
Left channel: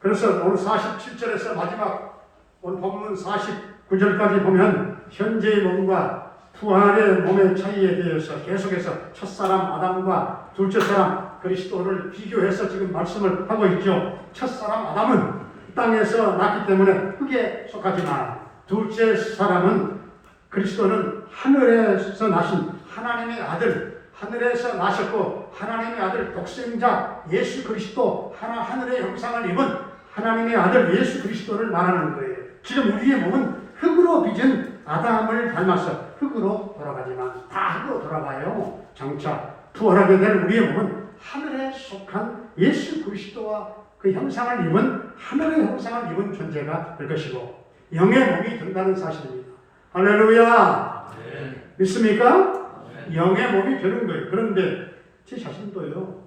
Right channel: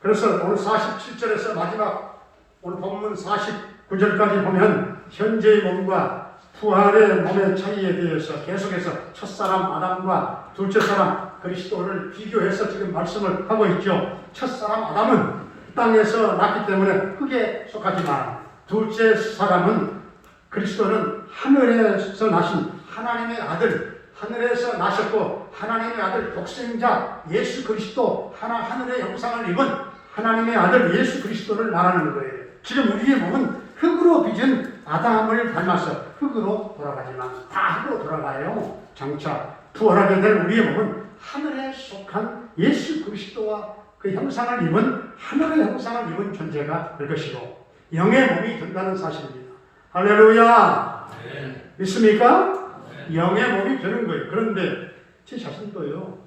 그래서 오늘 47절에서 마지막 오늘 본문 49절까지 보면 현재의 몸과 부활의 몸의 차이에 대해서 계속해서 첫사람 아담과 둘째 사람 그리스도를 비교해서 지금 말씀을 하고 있죠. 첫사람 아담은 땅에서 났기 때문에 흙에 속하지만 둘째 사람은 그리스도는 하늘에서 나신 하나님의 아들, 하늘에서 나셨고 하나님의 아들 독생자 예수 그리스도 하늘의 형상을 입은 하나님의 아들 예수 그리스도를 말하는 거예요. 지금 우리의 몸은 흙으로 빚은 아담을 닮아서 흙으로 돌아가지만 다 흙으로 돌아가요. 장차 부활하게 된 우리의 몸은 하늘에 속한 예수 그리스도와 그 형상을 입은 하늘의 형상을 입은 존재가 될 것이고 영의 몸이 된다는 사실입니다. 할렐루야. 네. 믿습니까? 네. 영의 몸이 되는 거예요. 그런데 제 자신도요,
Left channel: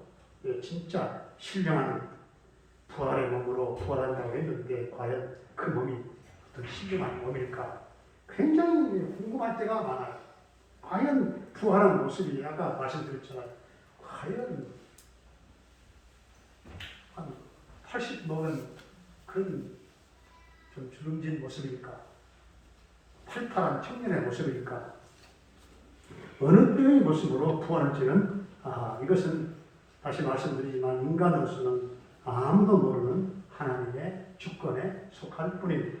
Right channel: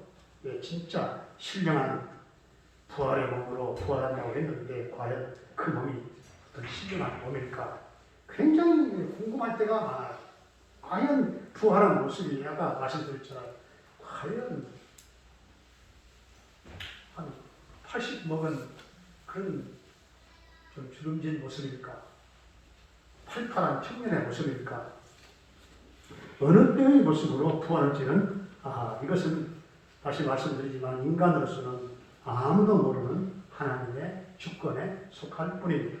진짜 신령한 부활의 몸으로 부활한다고 했는데 과연 그 몸이 어떤 신령한 몸일까? 굉장히 궁금할 때가 많아요. 과연 부활한 모습이 아까 말씀드렸잖아요. 과연 한 80 먹은 그런 좀 주름진 모습일까? 팔팔한 청년의 모습일까? 어느 때의 모습으로 부활할지는 이것은 다시 말씀드리지만 인간으로서는 아무도 모르는 하나님의 주권에 속할 뿐입니다.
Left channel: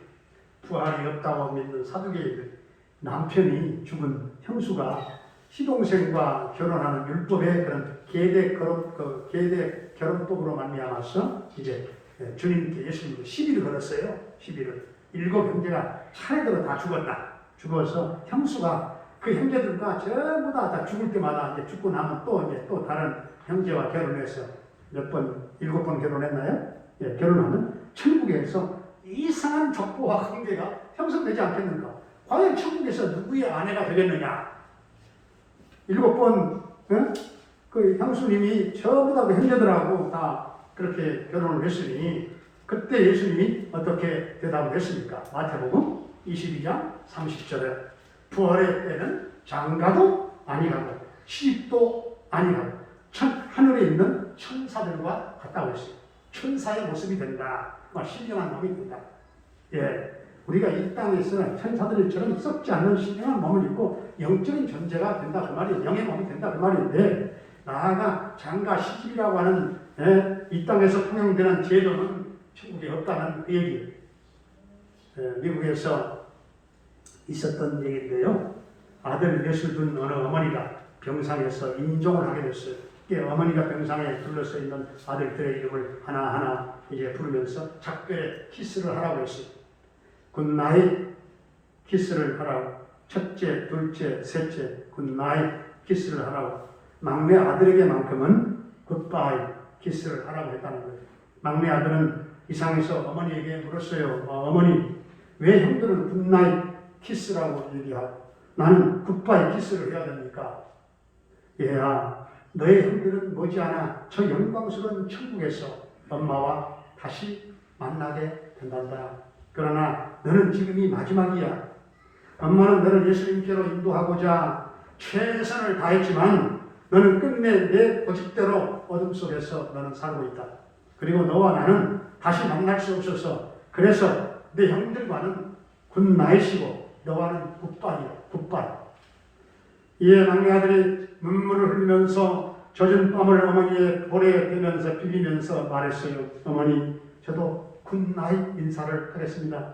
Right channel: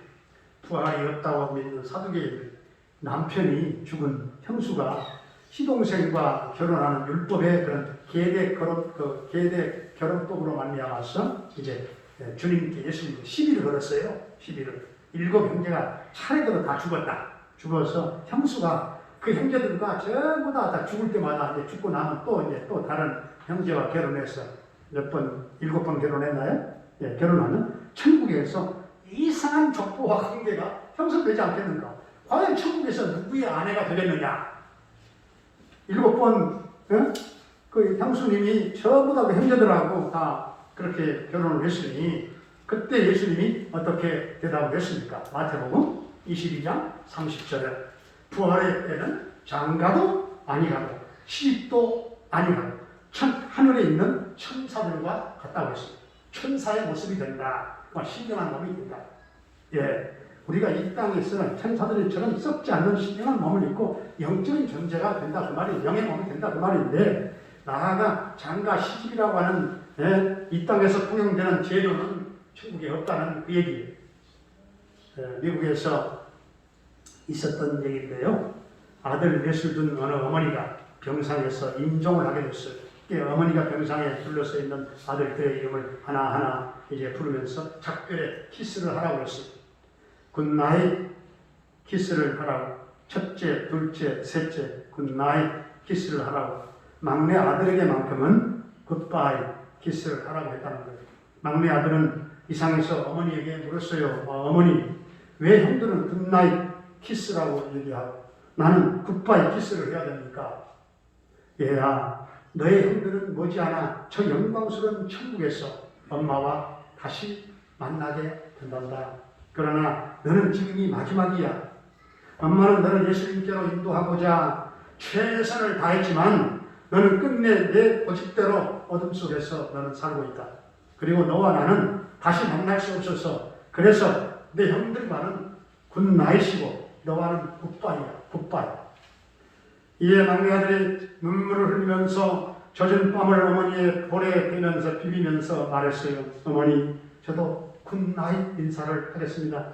부활이 없다고 믿는 사두개인들, 남편이 죽은 형수가 시동생과 결혼하는 율법의 그런 계대 결혼법으로 말미암아서 이제 주님께 예수님께 시비를 걸었어요. 시비를. 7 형제가 차례대로 다 죽었다. 죽어서 형수가 그 형제들과 전부 다 죽을 때마다 이제 죽고 나면 또 다른 형제와 결혼해서 7번 결혼했나요? 예, 결혼하면 천국에서 이상한 족보와 관계가 형성되지 않겠는가? 과연 천국에서 누구의 아내가 되겠느냐? 7번 그 형수님이 전부 다 그 형제들하고 다 그렇게 결혼을 했으니 그때 예수님이 어떻게 대답을 했습니까? 마태복음 22장 30절에 부활의 때는 장가도 아니하고 시집도 아니하고 하늘에 있는 천사들과 같다고 했습니다. 천사의 모습이 된다. 신령한 몸이 된다. 예, 우리가 이 땅에서는 천사들처럼 썩지 않는 신령한 몸을 입고 영적인 존재가 된다 그 말이에요. 영의 몸이 된다 그 말인데 나아가 장가 시집이라고 하는 이 땅에서 통용되는 제도는 천국에 없다는 그 얘기예요. 미국에서 있었던 얘기인데요. 아들 넷을 둔 어느 어머니가 병상에서 임종을 하게 됐어요. 어머니가 병상에 둘러서 있는 아들들의 이름을 하나하나 이제 부르면서 작별에 키스를 하라고 했어요. 굿나잇 키스를 하라고. 첫째, 둘째, 셋째 굿나잇 키스를 하라고. 막내 아들에게만큼은 굿바이 키스를 하라고 했다는 거예요. 막내 아들은 이상해서 어머니에게 물었어요. 어머니, 왜 형들은 굿나잇 키스라고 얘기하고 나는 굿바이 키스를 해야 됩니까? 얘야, 너의 형들은 머지않아 저 영광스러운 천국에서 엄마와 다시 만나게 된단다. 그러나 너는 지금이 마지막이야. 엄마는 너를 예수님께로 인도하고자 최선을 다했지만 너는 끝내 내 고집대로 어둠 속에서 너는 살고 있다. 그리고 너와 나는 다시 만날 수 없어서 그래서 내 형들과는 굿나잇이고 너와는 굿바이야. 굿바이. 이에 막내 아들이 눈물을 흘리면서 젖은 뺨을 어머니의 볼에 대면서 비비면서 말했어요. 어머니, 저도 굿나잇 인사를 하겠습니다.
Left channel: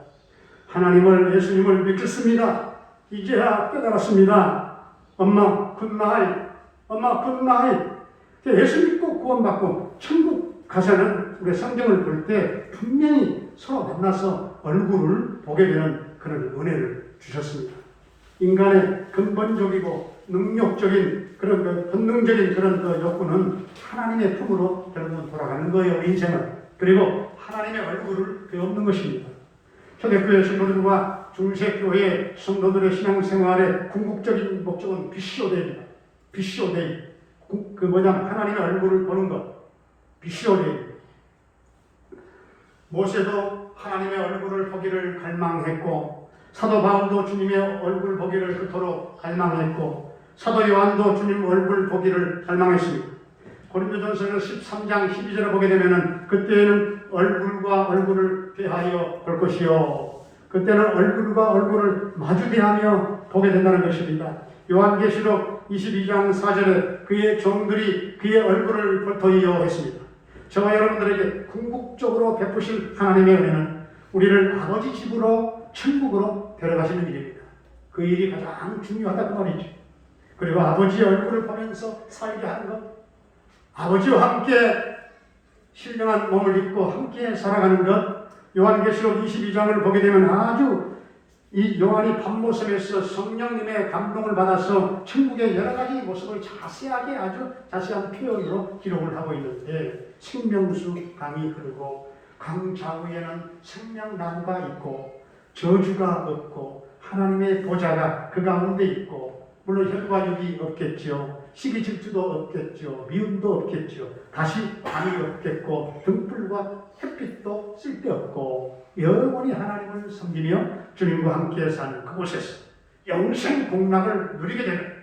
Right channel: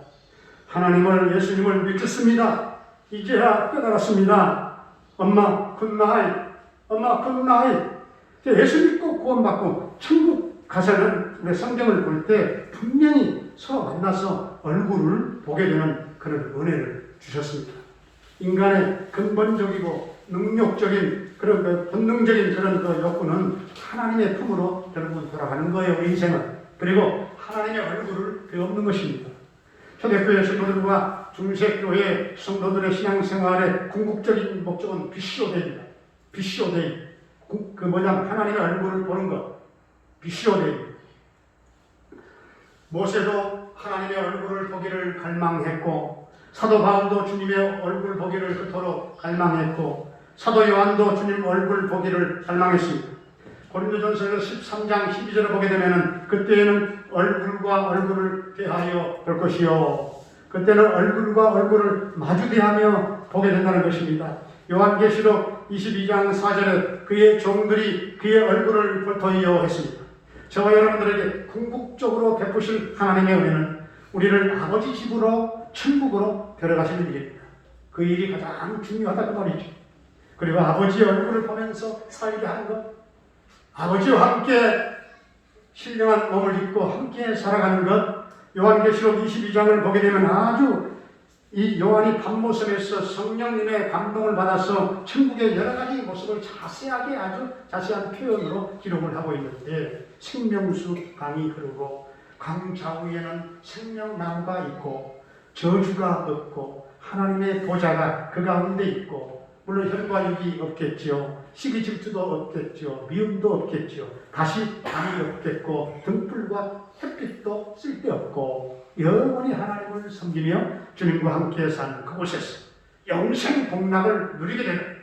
하나님을 예수님을 믿겠습니다. 이제야 깨달았습니다. 엄마 굿나잇. 엄마 굿나잇. 예수 믿고 구원받고 천국 가서는 우리 성경을 볼 때 분명히 서로 만나서 얼굴을 보게 되는 그런 은혜를 주셨습니다. 인간의 근본적이고 능력적인 그런 그 본능적인 그런 그 욕구는 하나님의 품으로 결국은 돌아가는 거예요. 우리 인생은. 그리고 하나님의 얼굴을 배우는 것입니다. 초대교회 성도들과 중세교회 성도들의 신앙생활의 궁극적인 목적은 비시오데이입니다. 비시오데이. 하나님의 얼굴을 보는 것. 비시오데이. 모세도 하나님의 얼굴을 보기를 갈망했고, 사도 바울도 주님의 얼굴 보기를 그토록 갈망했고, 사도 요한도 주님 얼굴 보기를 갈망했습니다. 고린도전서 13장 12절을 보게 되면은 그때에는 얼굴과 얼굴을 대하여 볼 것이요, 그때는 얼굴과 얼굴을 마주대하며 보게 된다는 것입니다. 요한계시록 22장 4절에 그의 종들이 그의 얼굴을 보토이어 했습니다. 저와 여러분들에게 궁극적으로 베푸실 하나님의 은혜는 우리를 아버지 집으로, 천국으로 데려가시는 일입니다. 그 일이 가장 중요하다고 말이죠. 그리고 아버지의 얼굴을 보면서 살게 하는 것, 아버지와 함께 신령한 몸을 입고 함께 살아가는 것, 요한계시록 22장을 보게 되면 아주 이 요한이 밤모습에서 성령님의 감동을 받아서 천국의 여러 가지 모습을 자세하게, 아주 자세한 표현으로 기록을 하고 있는데, 생명수 강이 흐르고 강 좌우에는 생명나무가 있고 저주가 없고 하나님의 보좌가 그 가운데 있고, 물론 혈과 육이 없겠죠. 시기 질투도 없겠죠. 미움도 없겠죠. 다시 밤이 없겠고 등불과 햇빛도 쓸데없고, 영원히 하나님을 섬기며 주님과 함께 사는 그곳에서 영생 복락을 누리게 되는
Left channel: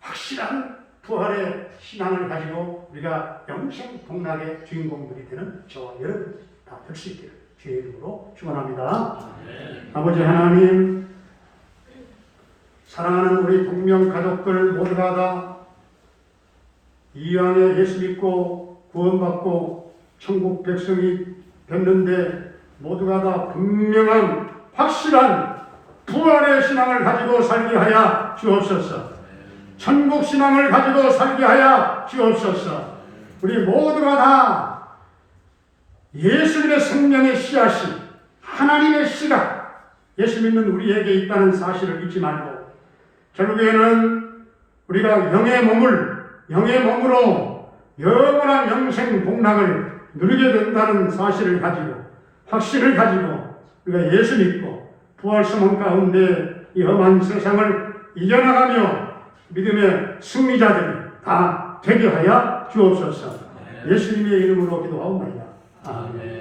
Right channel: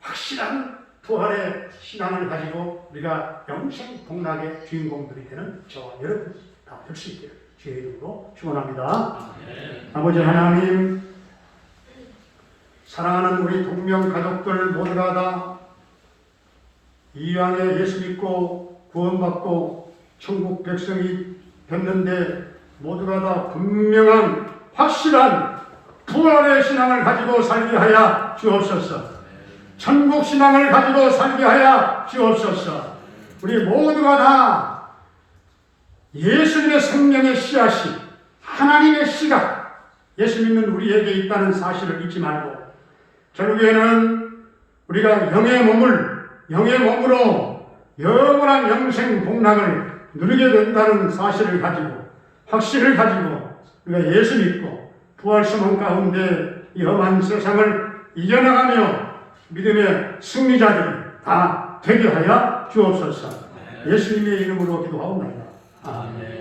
확실한 부활의 신앙을 가지고 우리가 영생 복락의 주인공들이 되는 저와 여러분 다 될 수 있기를 주의 이름으로 축원합니다. 아버지 하나님, 사랑하는 우리 동명 가족들 모두가 다 이왕에 예수 믿고 구원받고 천국 백성이 됐는데, 모두가 다 분명한 확실한 부활의 신앙을 가지고 살게 하여 주옵소서. 천국 신앙을 가지고 살게 하여 주옵소서. 우리 모두가 다 예수님의 생명의 씨앗이, 하나님의 씨가 예수 믿는 우리에게 있다는 사실을 잊지 말고, 결국에는 우리가 영의 몸으로 영원한 영생 복락을 누리게 된다는 사실을 가지고, 확신을 가지고 우리가 예수 믿고 부활소망 가운데 이 험한 세상을 이겨나가며 믿음의 승리자들이 다 되게 하여 주옵소서. 예수님의 이름으로 기도하옵나이다. 아멘.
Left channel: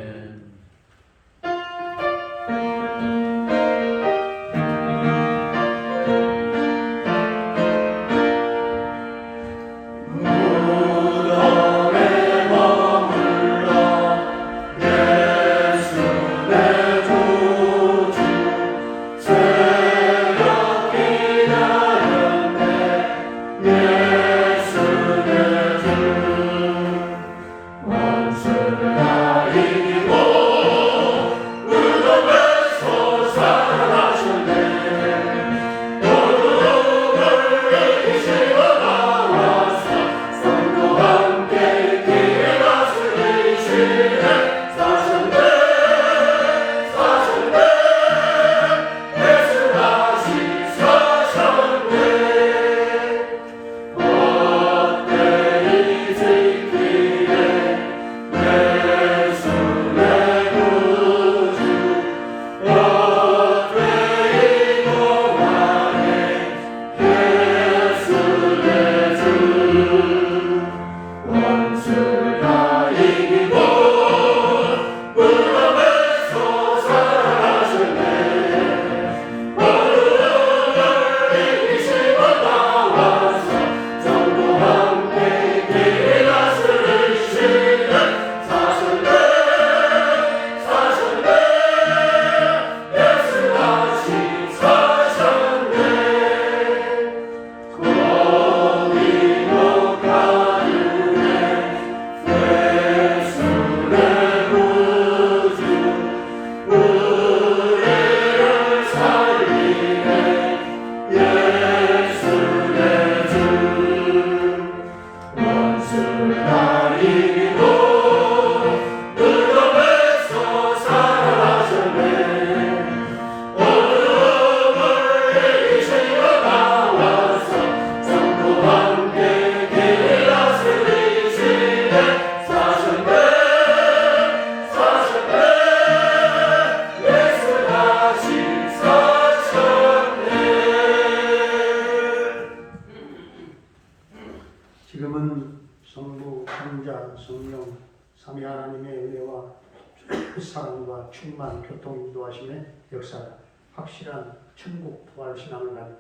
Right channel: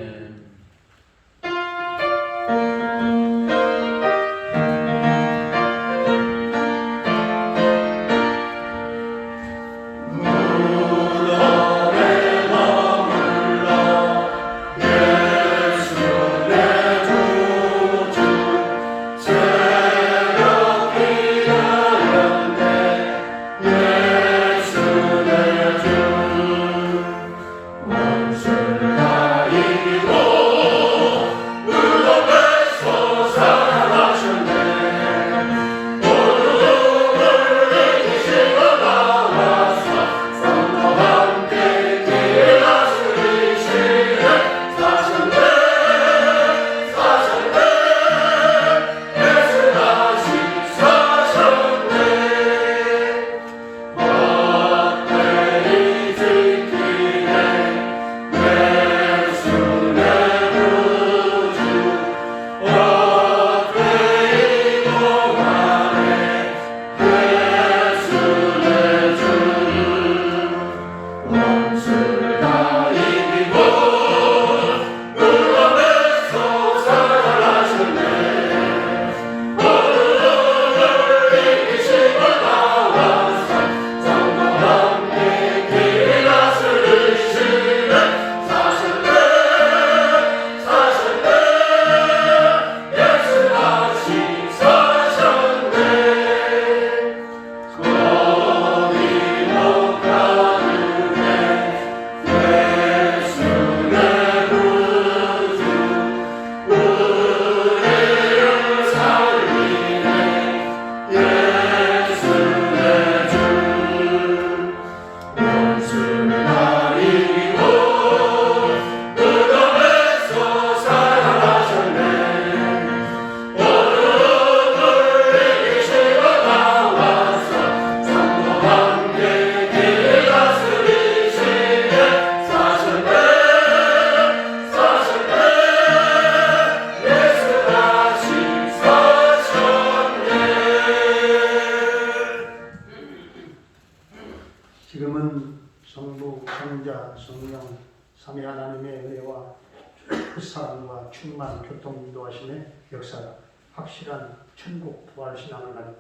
사랑과 충만 교통 인도하심의 역사, 확실한 천국 부활 신앙을 가진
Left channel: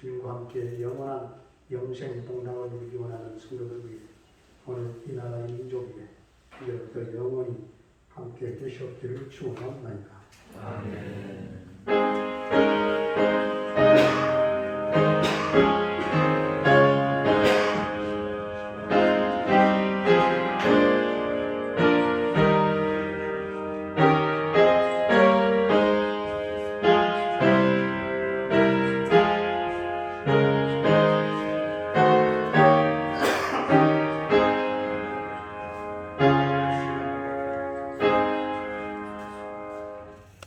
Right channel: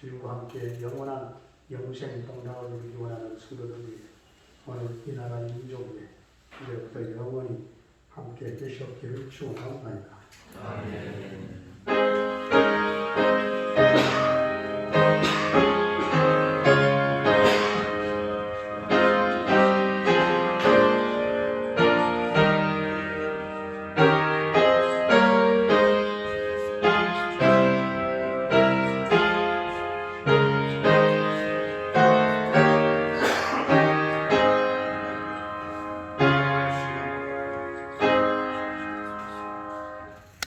주님과 함께 영원한 영생 동락을 누리기 원하는 성도들 위해 오늘 이 나라의 민족 위에 이제부터 영원히 함께 계시옵기를 축원합니다. 아멘.